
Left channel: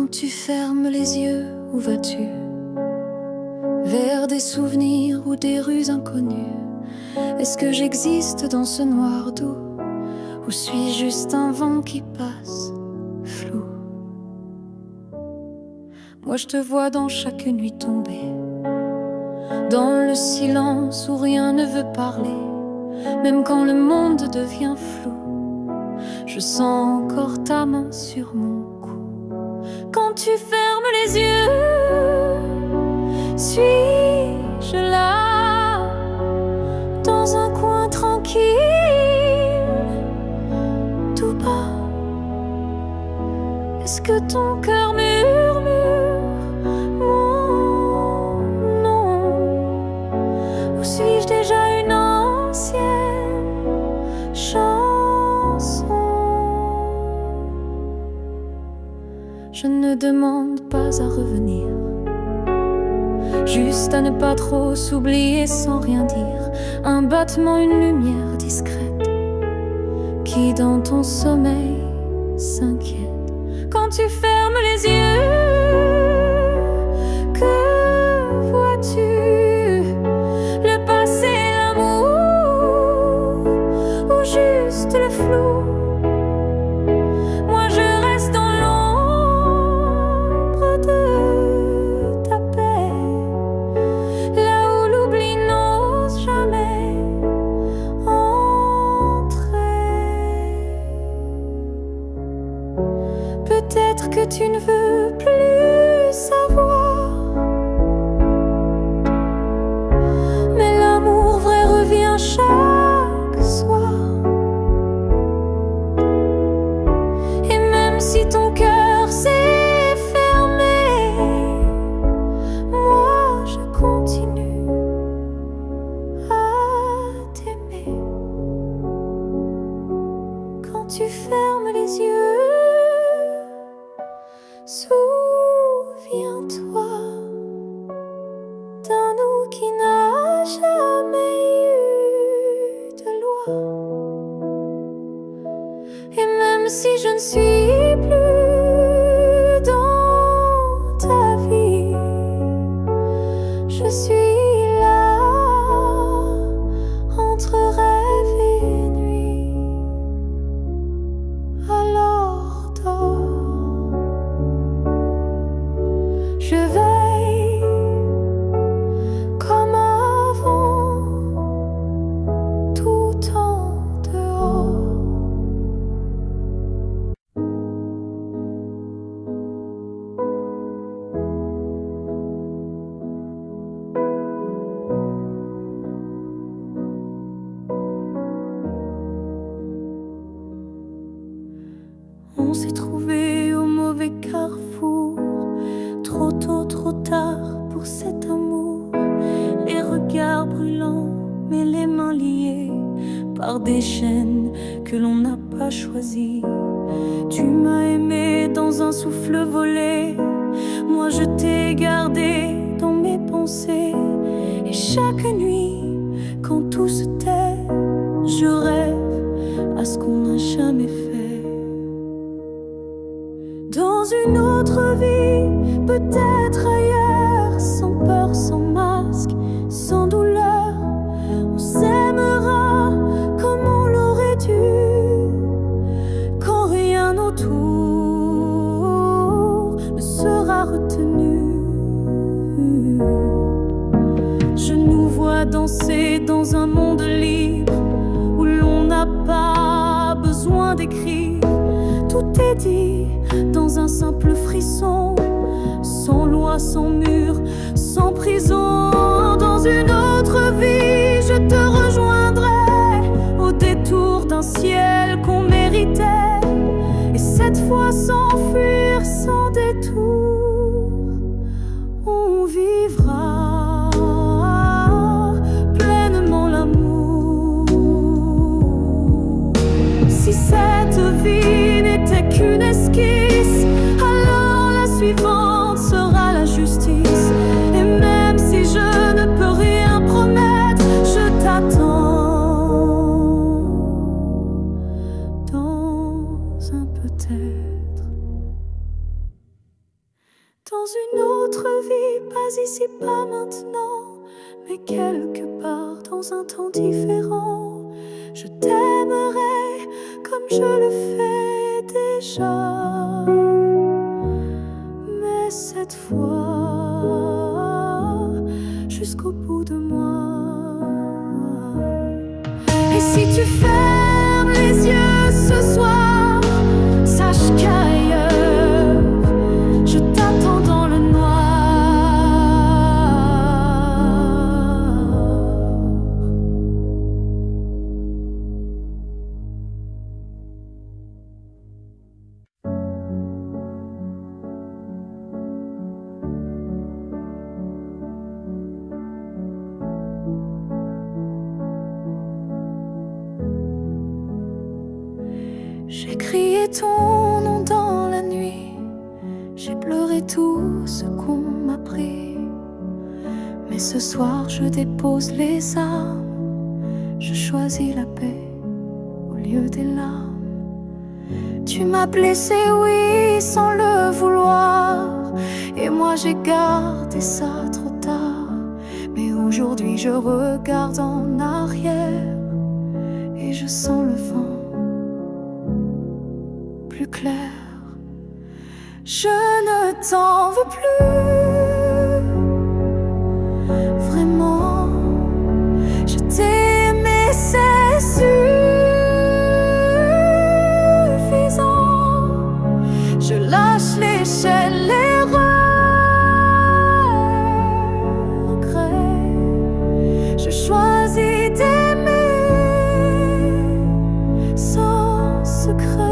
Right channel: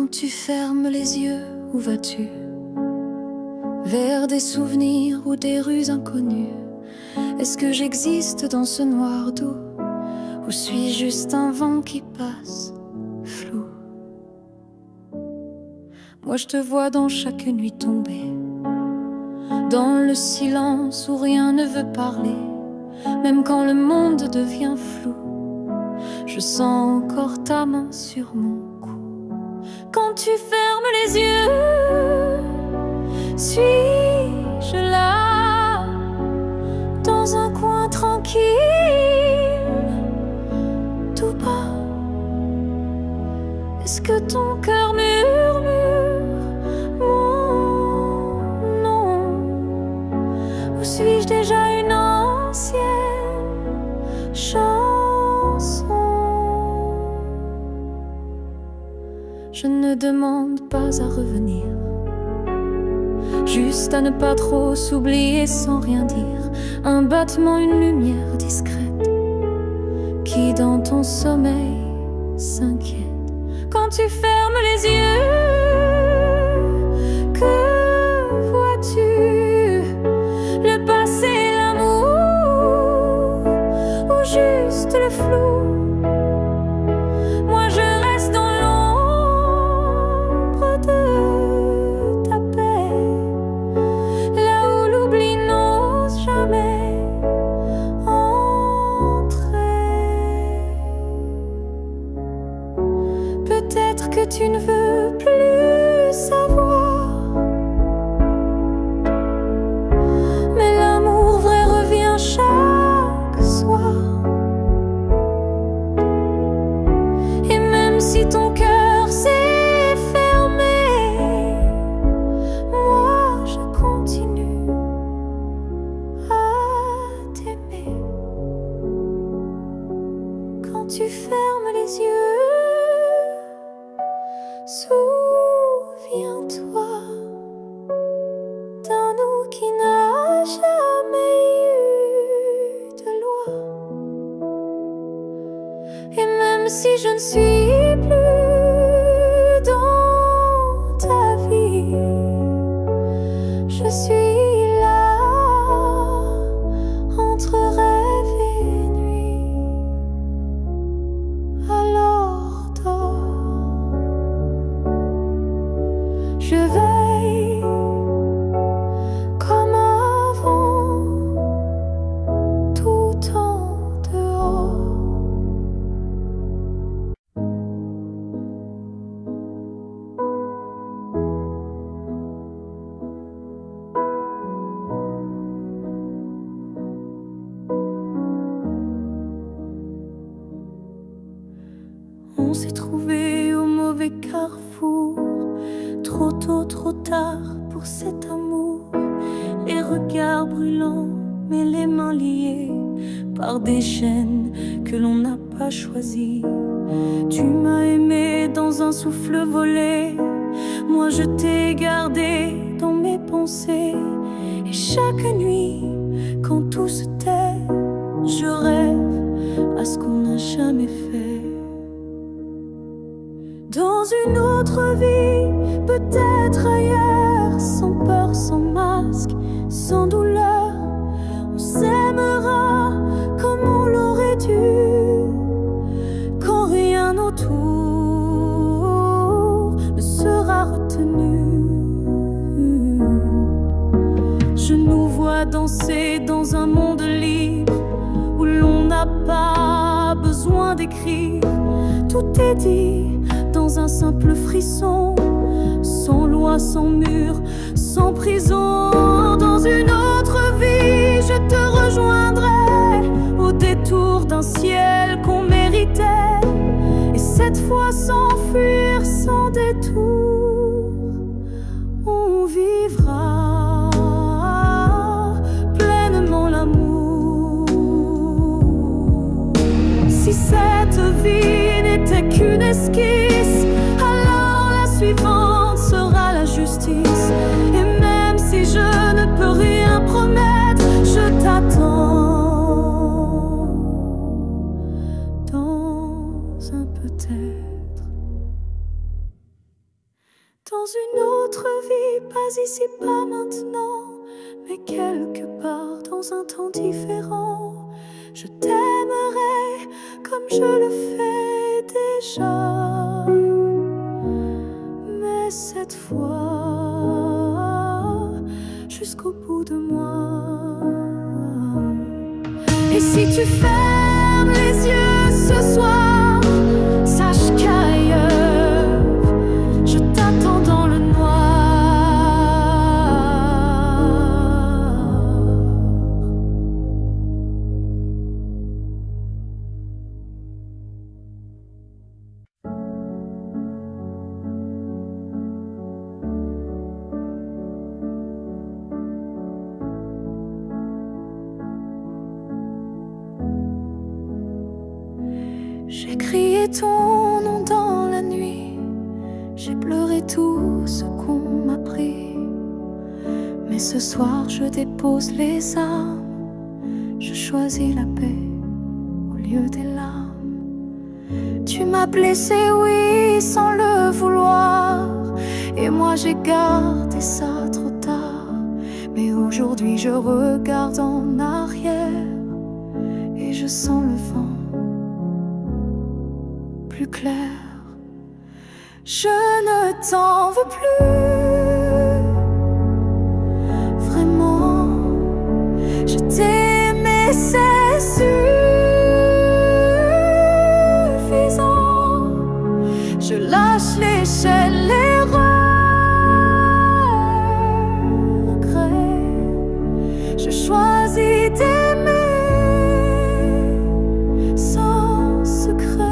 Quand tu fermes les yeux, où vas-tu? Vers des souvenirs ou des rues inconnues? Est-ce que j'existe dans ce noir doux? Ou suis-je juste un vent qui passe, flou? Moi je te vois dans chaque nuit tombée, dans le silence où rien ne veut parler. Même quand le monde devient flou, je sens encore ta main sur mon cou. Quand tu fermes les yeux, suis-je là, dans un coin tranquille, tout bas? Est-ce que ton cœur murmure mon nom? Ou suis-je déjà une ancienne chanson? Je ne demande pas à revenir, juste à ne pas trop s'oublier sans rien dire. Un battement, une lumière discrète qui dans ton sommeil s'inquiète. Quand tu fermes les yeux, que vois-tu? Le passé, l'amour ou juste le flou? Moi je reste dans l'ombre de ta paix, là où l'oubli n'ose jamais entrer. Peut-être que tu ne veux plus savoir, mais l'amour vrai revient chaque soir. Et même si ton cœur s'est fermé, moi je continue à t'aimer. Quand tu fermes les yeux, souviens-toi d'un nous qui n'a jamais eu de loi. Et même si je ne suis plus dans ta vie, je suis là entre rêve et nuit. Alors dors, je veille comme avant, tout en dehors. On s'est trouvé au mauvais carrefour, trop tôt, trop tard pour cet amour. Les regards brûlants, mais les mains liées par des chaînes que l'on n'a pas choisies. Tu m'as aimé dans un souffle volé, moi je t'ai gardé dans mes pensées. Et chaque nuit, quand tout se tait, je rêve à ce qu'on n'a jamais fait. Dans une autre vie, peut-être ailleurs, sans peur, sans masque, sans douleur, on s'aimera comme on l'aurait dû, quand rien autour ne sera retenu. Je nous vois danser dans un monde libre, où l'on n'a pas besoin d'écrire. Tout est dit dans un simple frisson, sans loi, sans mur, sans prison. Dans une autre vie, je te rejoindrai au détour d'un ciel qu'on méritait. Et cette fois sans fuir, sans détour, on vivra pleinement l'amour. Si cette vie n'était qu'une esquisse, alors la suivante sera la justice. Et même si je ne peux rien promettre, je t'attends dans un peut-être. dans une autre vie, pas ici, pas maintenant, mais quelque part dans un temps différent. Je t'aimerai comme je le fais déjà, mais cette fois jusqu'au bout de moi. Et si tu fermes les yeux ce soir, sache qu'ailleurs je t'attends dans le noir. J'ai crié ton nom dans la nuit, j'ai pleuré tout ce qu'on m'a pris. Mais ce soir je dépose les armes, je choisis la paix au lieu des larmes. Tu m'as blessé, oui, sans le vouloir, et moi j'ai gardé ça trop tard. Mais aujourd'hui je regarde en arrière et je sens le vent plus clair. Je ne t'en veux plus, vraiment. Je t'ai aimé, c'est suffisant. Je lâche l'échelle, les regrets. Je choisis d'aimer sans secret.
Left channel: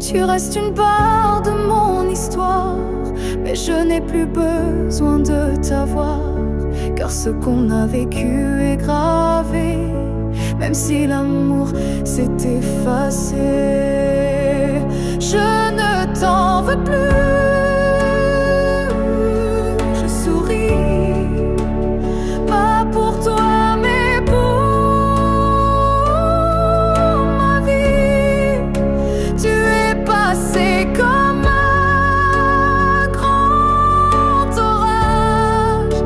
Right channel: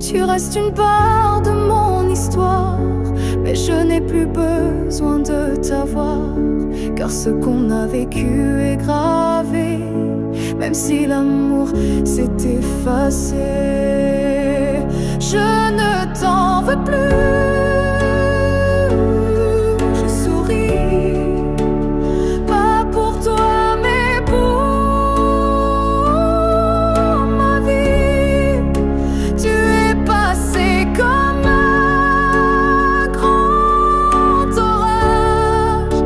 Tu restes une part de mon histoire, mais je n'ai plus besoin de t'avoir, car ce qu'on a vécu est gravé, même si l'amour s'est effacé. Je ne t'en veux plus, je souris, pas pour toi mais pour ma vie. Tu es passé comme un grand orage,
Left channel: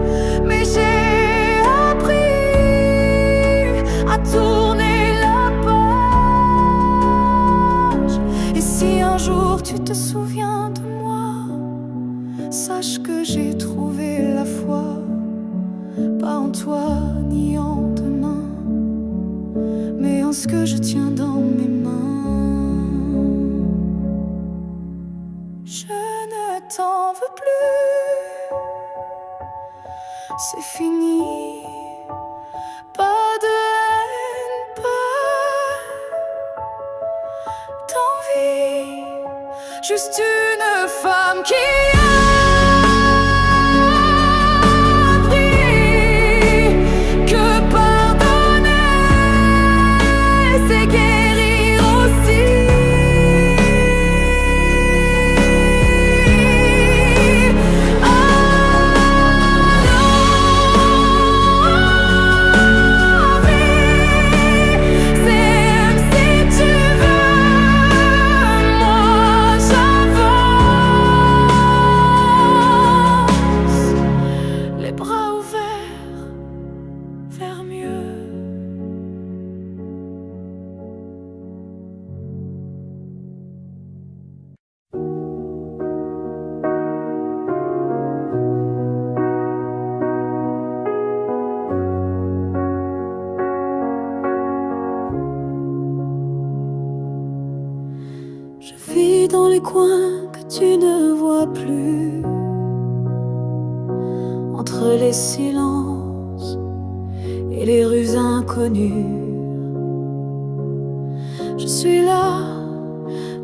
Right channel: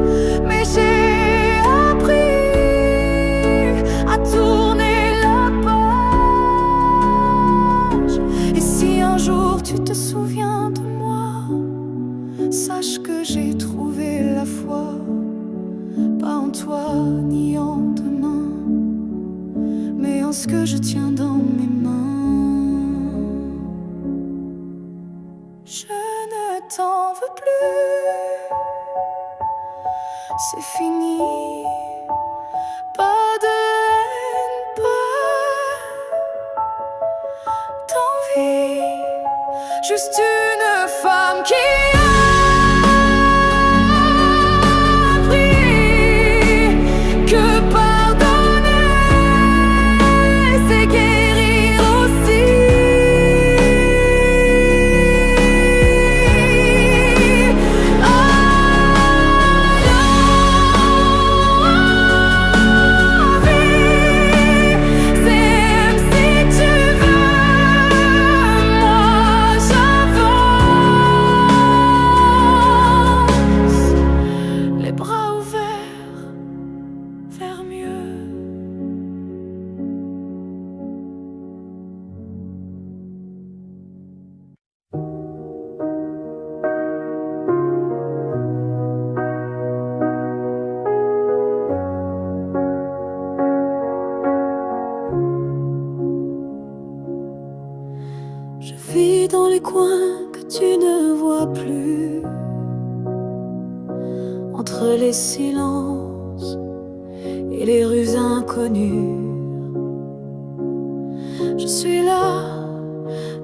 mais j'ai appris à tourner la page. Et si un jour tu te souviens de moi, sache que j'ai trouvé la foi, pas en toi ni en demain, mais en ce que je tiens dans mes mains. Je ne t'en veux plus, c'est fini. Pas de haine, pas d'envie, juste une femme qui a appris que pardonner, c'est guérir aussi. Les bras ouverts vers mieux. Je vis dans les coins que tu ne vois plus, entre les silences et les rues inconnues. Je suis là,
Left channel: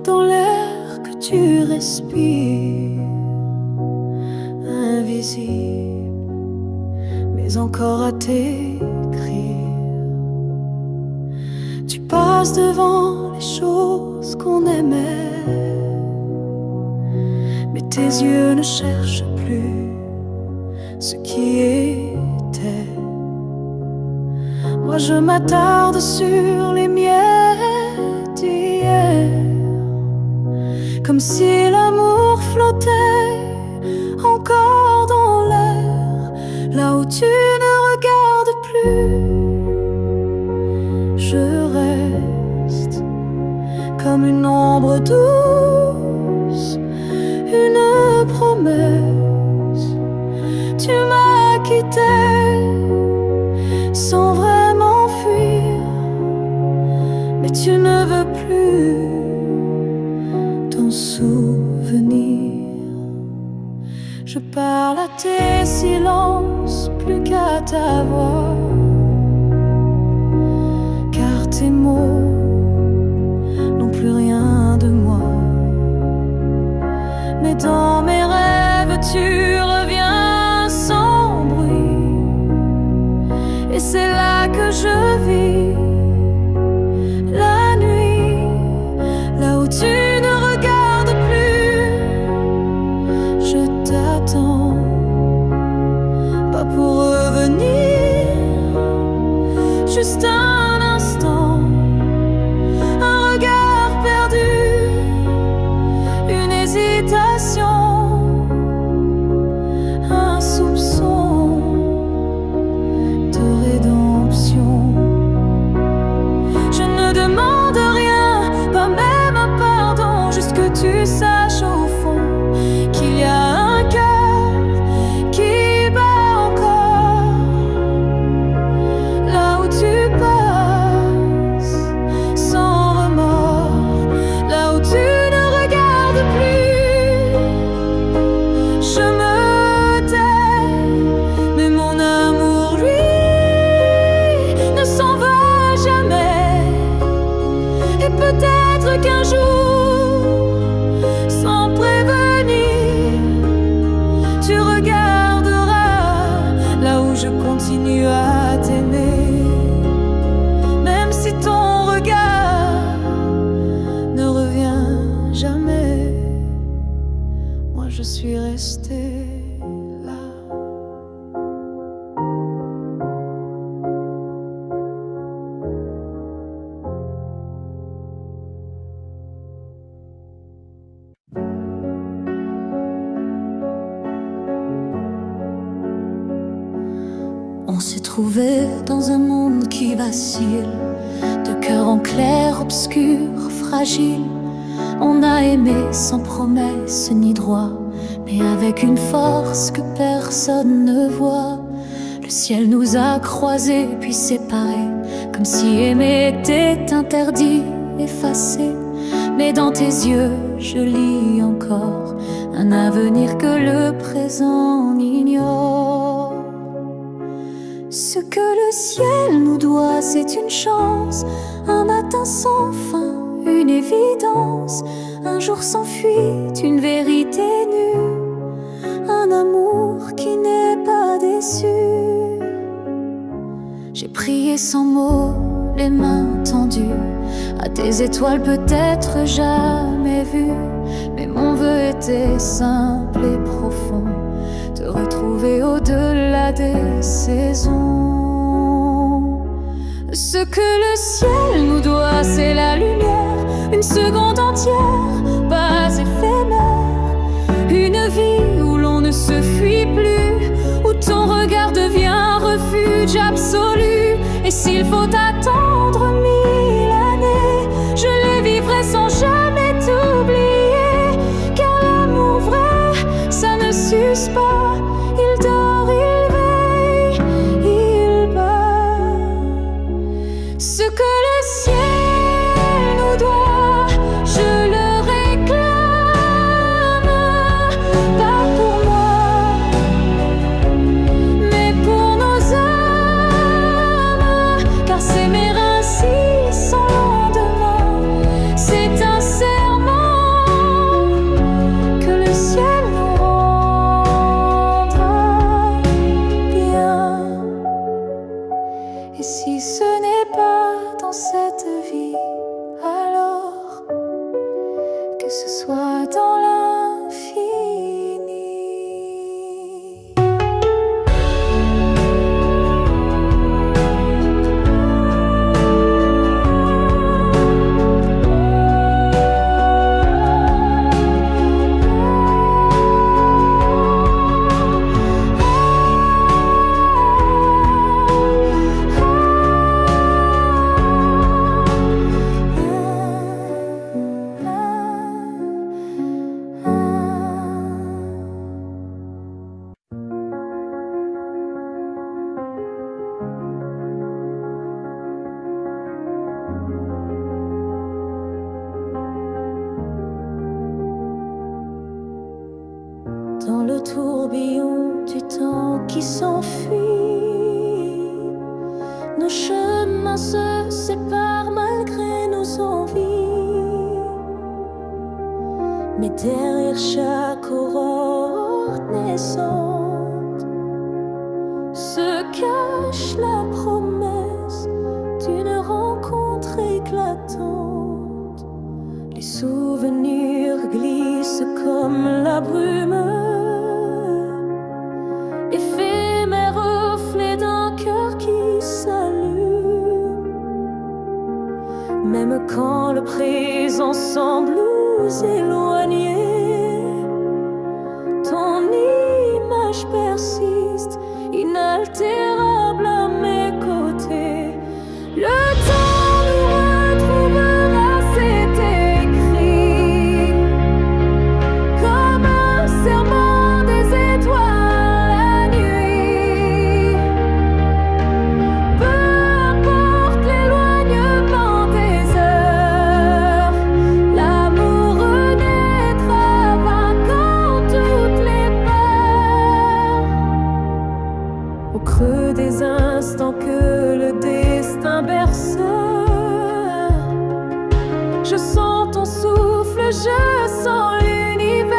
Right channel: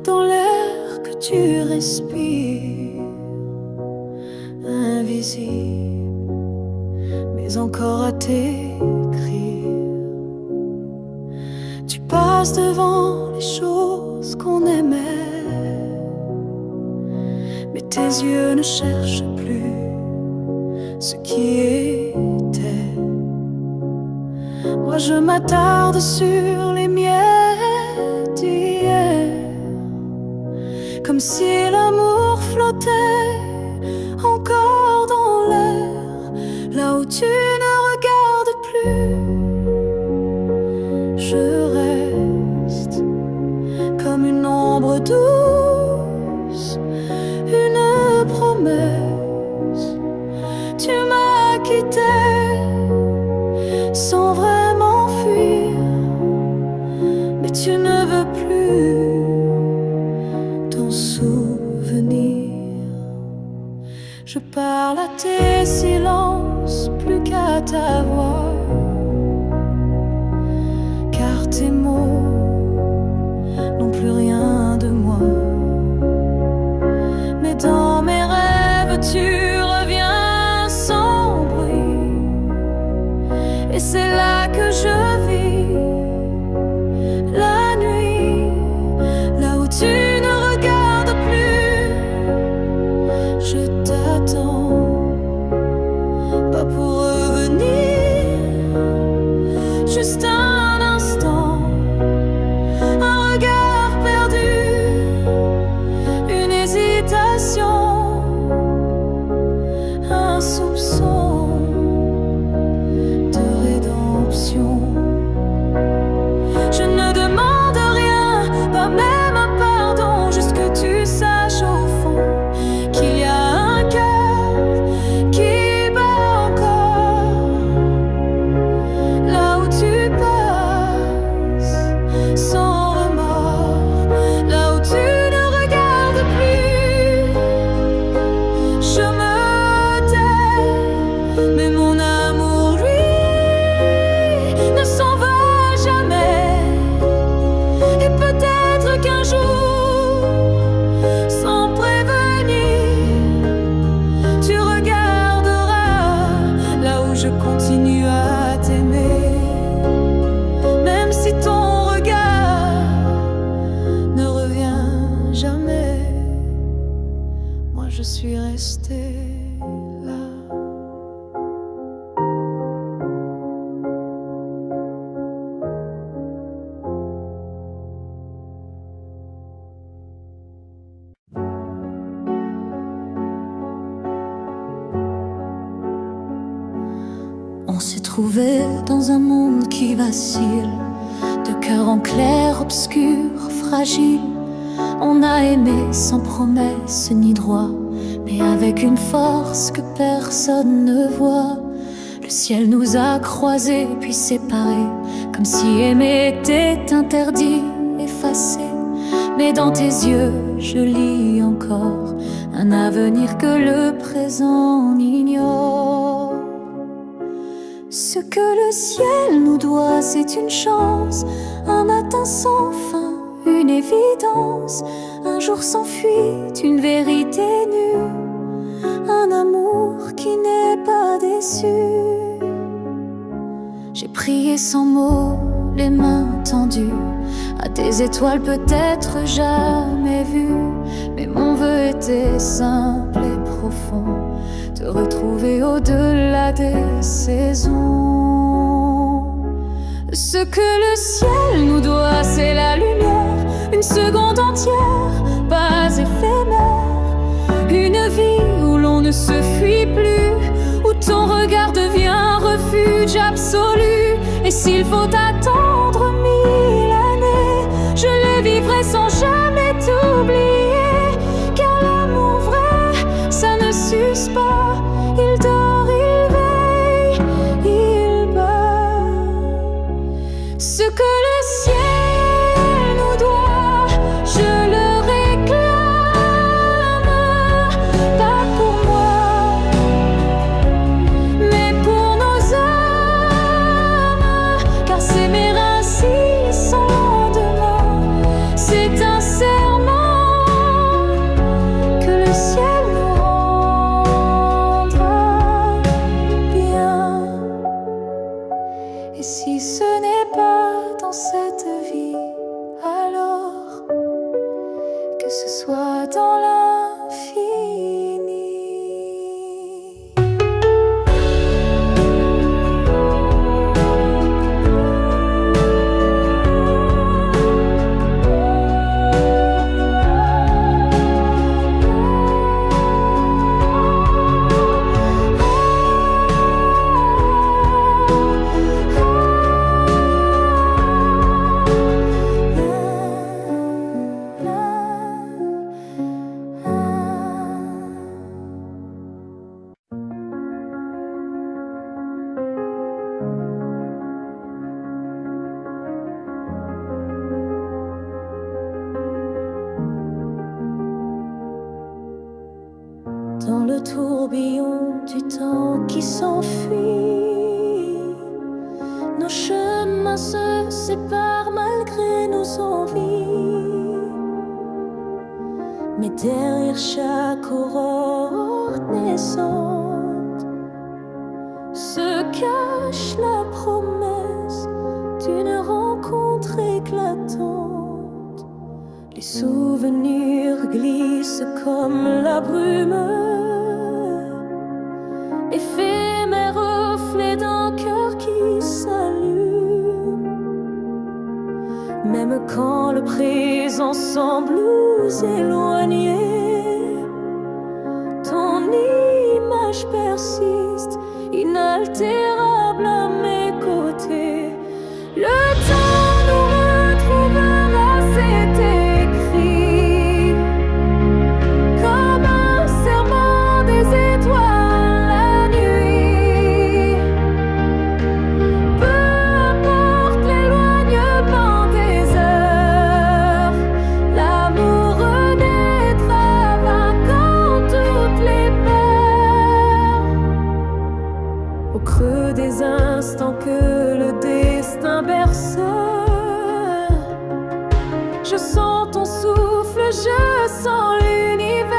dans l'air que tu respires, invisible, mais encore à t'écrire. Tu passes devant les choses qu'on aimait, mais tes yeux ne cherchent plus ce qui était. Moi je m'attarde sur les miettes d'hier, comme si l'amour flottait encore dans l'air, là où tu ne regardes plus. Je reste comme une ombre douce, une promesse. Tu m'as quitté sans vraiment fuir, mais tu ne veux plus t'en souvenir. Je parle à tes silences plus qu'à ta voix, car tes mots n'ont plus rien de moi. Mais dans mes rêves tu reviens sans bruit, et c'est là que je vis la nuit, là où tu ne regardes plus. Je t'attends, pas pour revenir, juste un instant, un regard perdu, une hésitation, un soupçon de rédemption. Je ne demande rien, pas même un pardon, juste que tu saches au fond qu'il y a un cœur qui bat encore, là où tu passes sans remords, là où tu ne regardes plus. Je me tais, mais mon amour, lui, ne s'en va jamais. Et peut-être qu'un jour, sans prévenir, tu regarderas là où je continue à t'aimer. Même si ton regard ne revient jamais, moi je suis restée là. On s'est trouvé dans un monde qui vacille, de cœur en clair, obscur, fragile. On a aimé sans promesse ni droit, mais avec une force que personne ne voit. Le ciel nous a croisés puis séparés, comme si aimer était interdit, effacé. Mais dans tes yeux, je lis encore un avenir que le présent ignore. Ce que le ciel nous doit, c'est une chance, un matin sans fin, une évidence, un jour sans fuite, une vérité nue, un amour qui n'est pas déçu. J'ai prié sans mots, les mains tendues, à tes étoiles peut-être jamais vues, mais mon vœu était simple et profond, te retrouver au-delà des saisons. Ce que le ciel nous doit, c'est la lumière, une seconde entière, pas éphémère, une vie où l'on ne se fuit plus, où ton regard devient un refuge absolu. Et s'il faut attendre 1000 années, je les vivrai sans jamais t'oublier, car l'amour vrai, ça ne s'use pas. Il dort, il veille, il bat. Ce que le ciel nous doit, je le réclame, pas pour moi, mais pour nos âmes, car s'aimer ainsi sans lendemain, c'est un serment que le ciel nous rendra bien. Et si ce n'est pas dans cette vie, alors que ce soit dans l'infini. dans le tourbillon du temps qui s'enfuit. Nos chemins se séparent malgré nos envies, mais derrière chaque aurore naissante se cache la promesse d'une rencontre éclatante. Les souvenirs glissent comme la brume, éphémère reflet d'un cœur qui s'allume. Même quand le présent semble nous éloigner, ton image persiste, inaltérable à mes côtés. Le temps nous retrouvera, c'est écrit, comme un serment des étoiles la nuit. Peu importe l'éloignement des heures, l'amour renaîtra vainquant toutes les peurs. Au creux des instants que le destin berce, je sens ton souffle, je sens l'univers.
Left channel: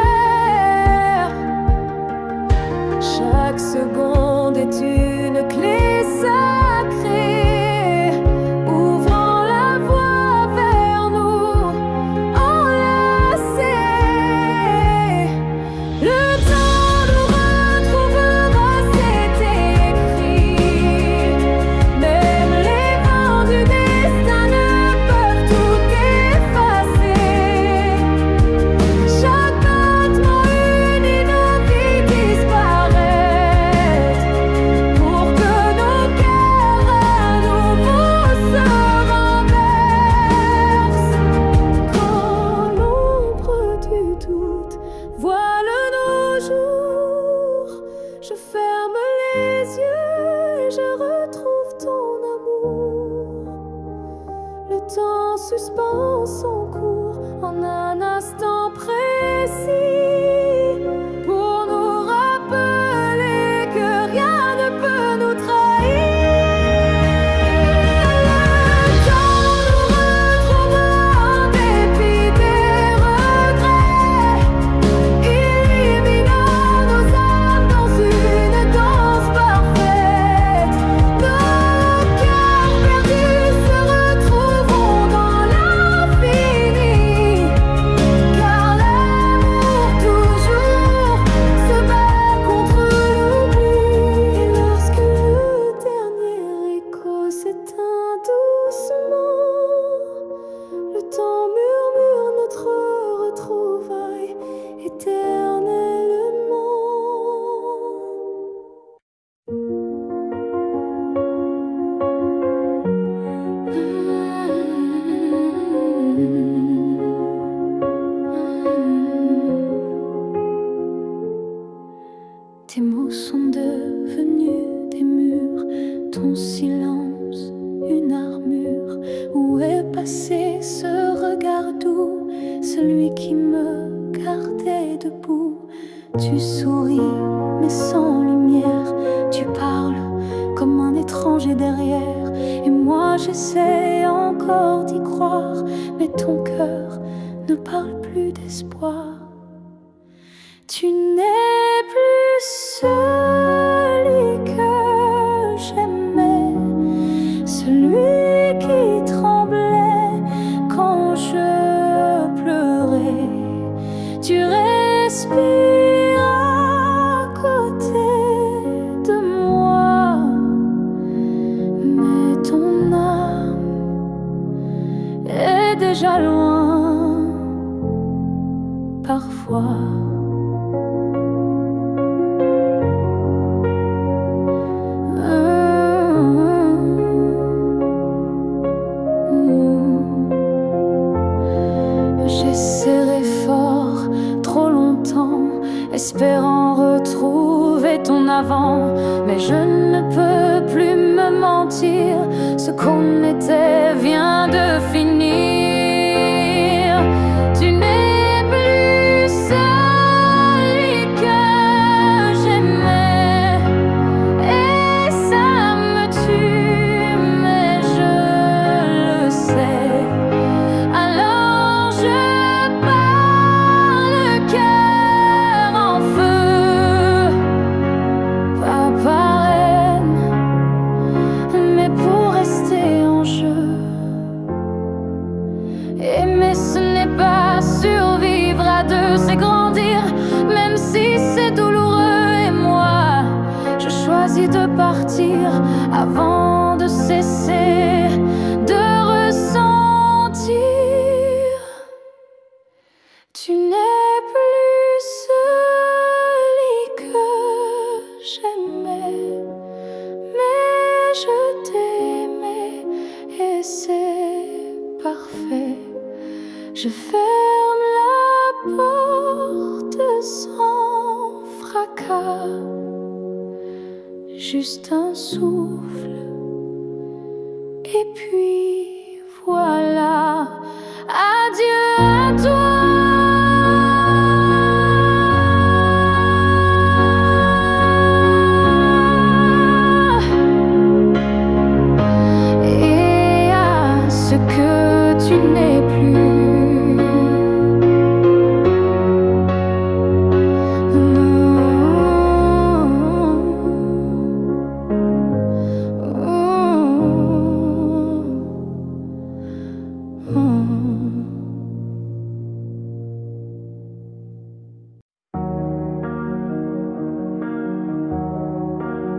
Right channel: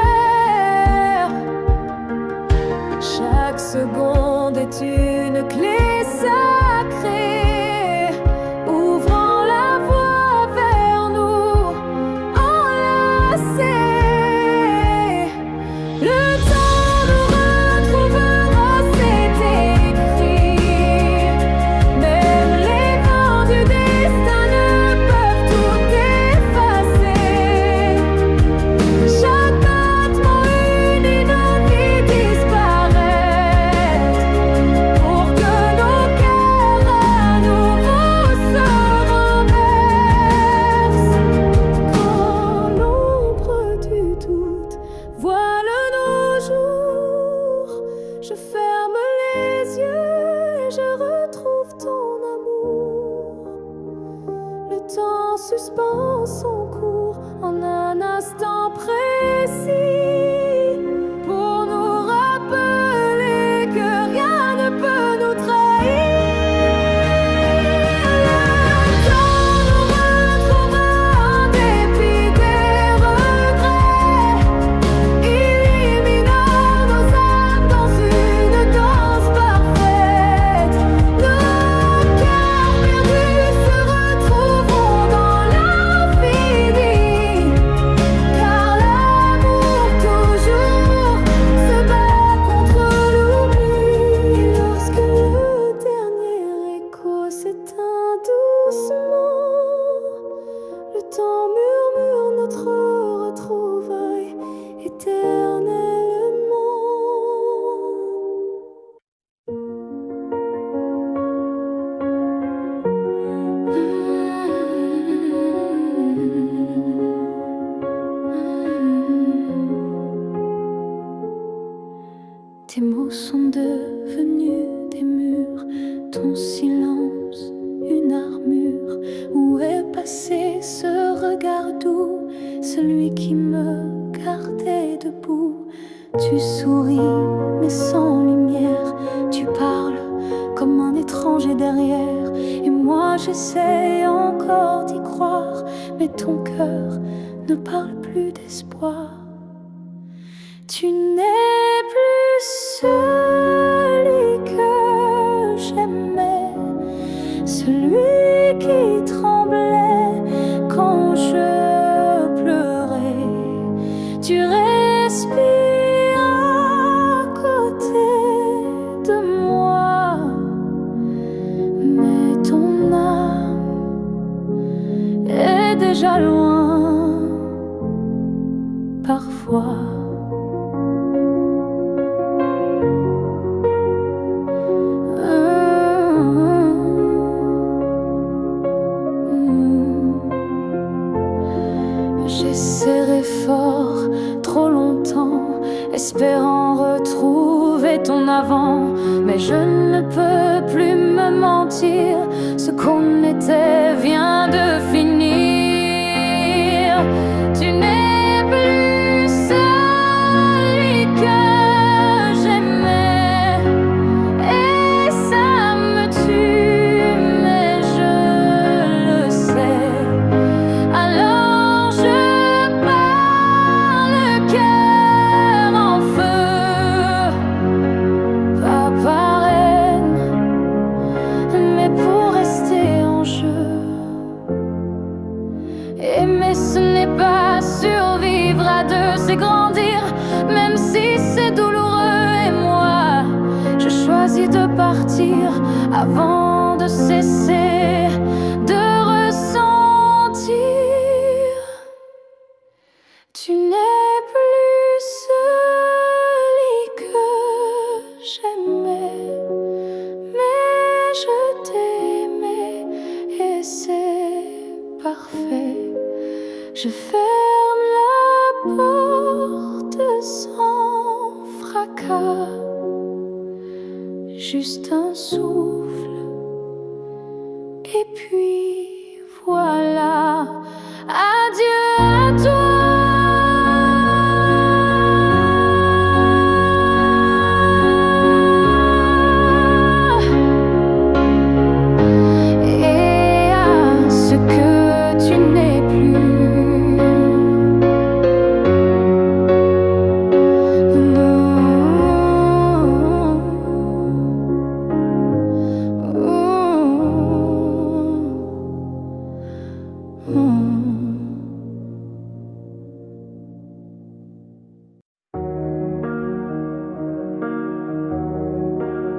Chaque seconde est une clé sacrée, ouvrant la voie vers nous, enlacés. Le temps nous retrouvera, c'est écrit. Même les vents du destin ne peuvent tout effacer. Chaque battement unit nos vies disparaître, pour que nos cœurs à nouveau se renversent. Quand l'ombre du doute voile nos jours, je ferme les yeux et je retrouve ton amour. Le temps suspend son cours en un instant précis, pour nous rappeler que rien ne peut nous trahir. Le temps nous retrouvera en dépit des regrets, illuminant nos âmes dans une danse parfaite. Nos cœurs perdus se retrouveront dans l'infini, car l'amour toujours se bat contre l'oubli. Et lorsque le dernier écho s'éteint doucement, le temps murmure notre retrouvaille éternellement. Tes mots sont devenus des murs, ton silence une armure. Où est passé ce regard doux, celui qui me gardait debout? Tu souris mais sans lumière, tu parles comme un étranger derrière. Et moi j'essaie encore d'y croire, mais ton cœur ne parle plus d'espoir. Tu n'es plus celui que j'aimais, celui qui tremblait quand je pleurais. Tu respires à côté de moi, mais ton âme est déjà loin parfois. J'ai serré fort trop longtemps, espérant retrouver ton avant. Mais je ne peux plus me mentir, ce qu'on était vient de finir. Tu n'es plus celui que c'est grandir, même si c'est douloureux. Et moi, je choisis de partir avant de cesser de ressentir. Tu n'es plus celui que j'aimais, mais je t'aimais et c'est parfait. Je ferme la porte sans fracas, juste un souffle, et puis voilà. Adieu à toi. Et à ce que tu n'es plus. Non.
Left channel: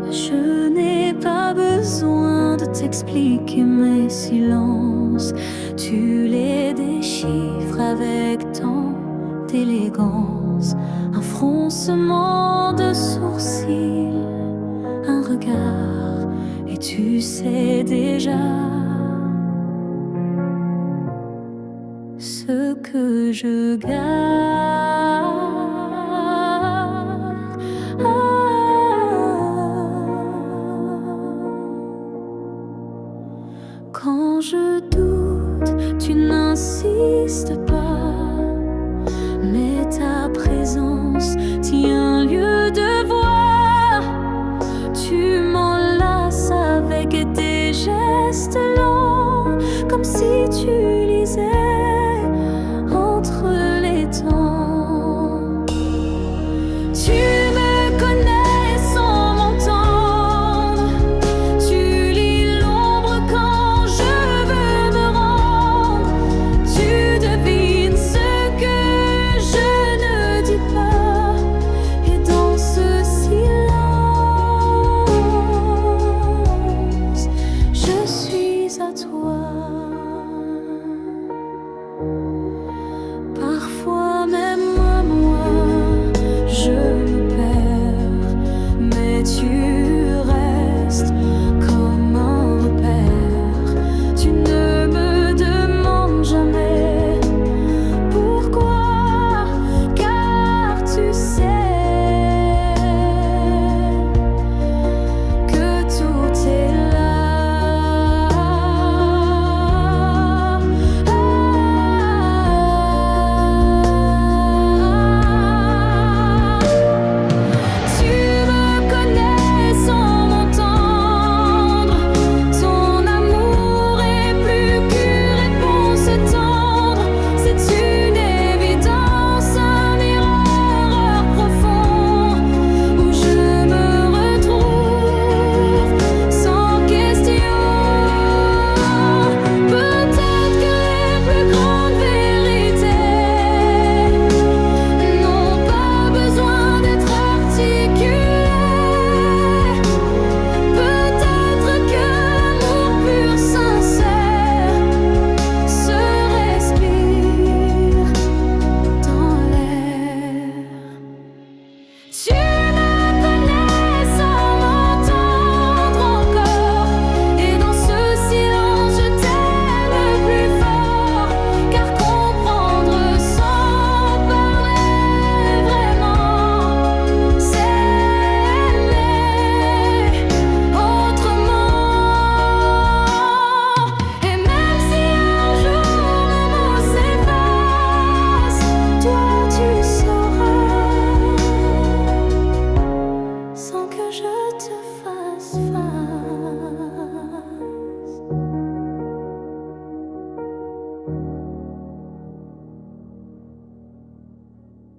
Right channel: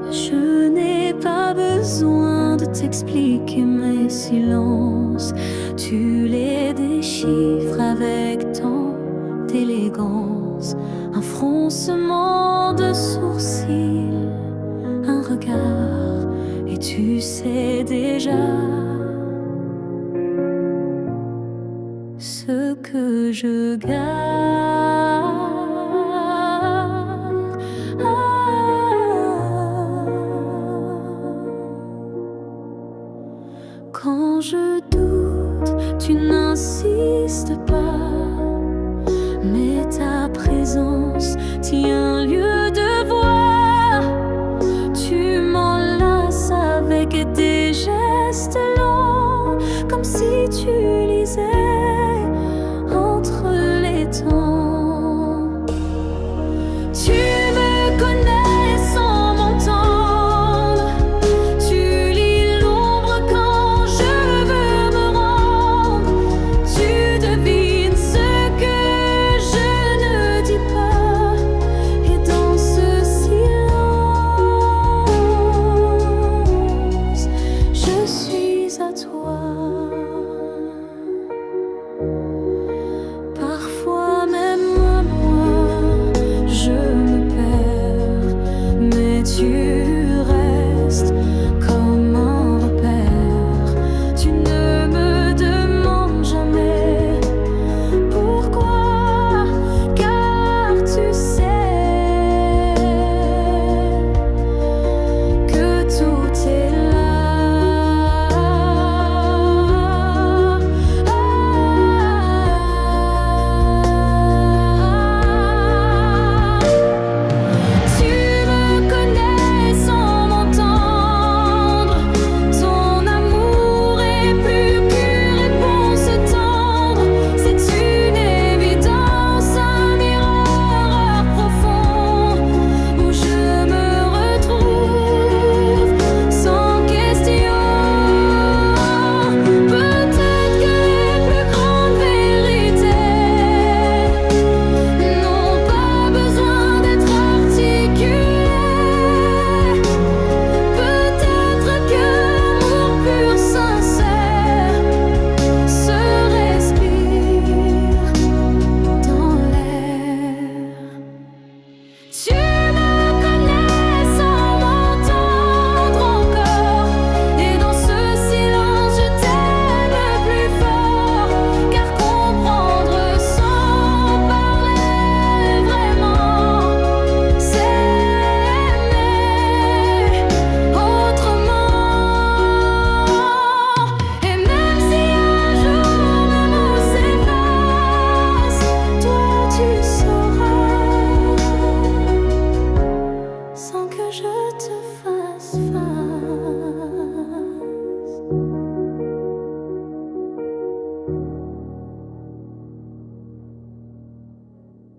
Je n'ai pas besoin de t'expliquer mes silences. Tu les déchiffres avec tant d'élégance. Un froncement de sourcils, un regard, et tu sais déjà ce que je garde. Quand je doute, tu n'insistes pas, mais ta présence tient lieu de voix. Tu m'enlaces avec des gestes lents, comme si tu lisais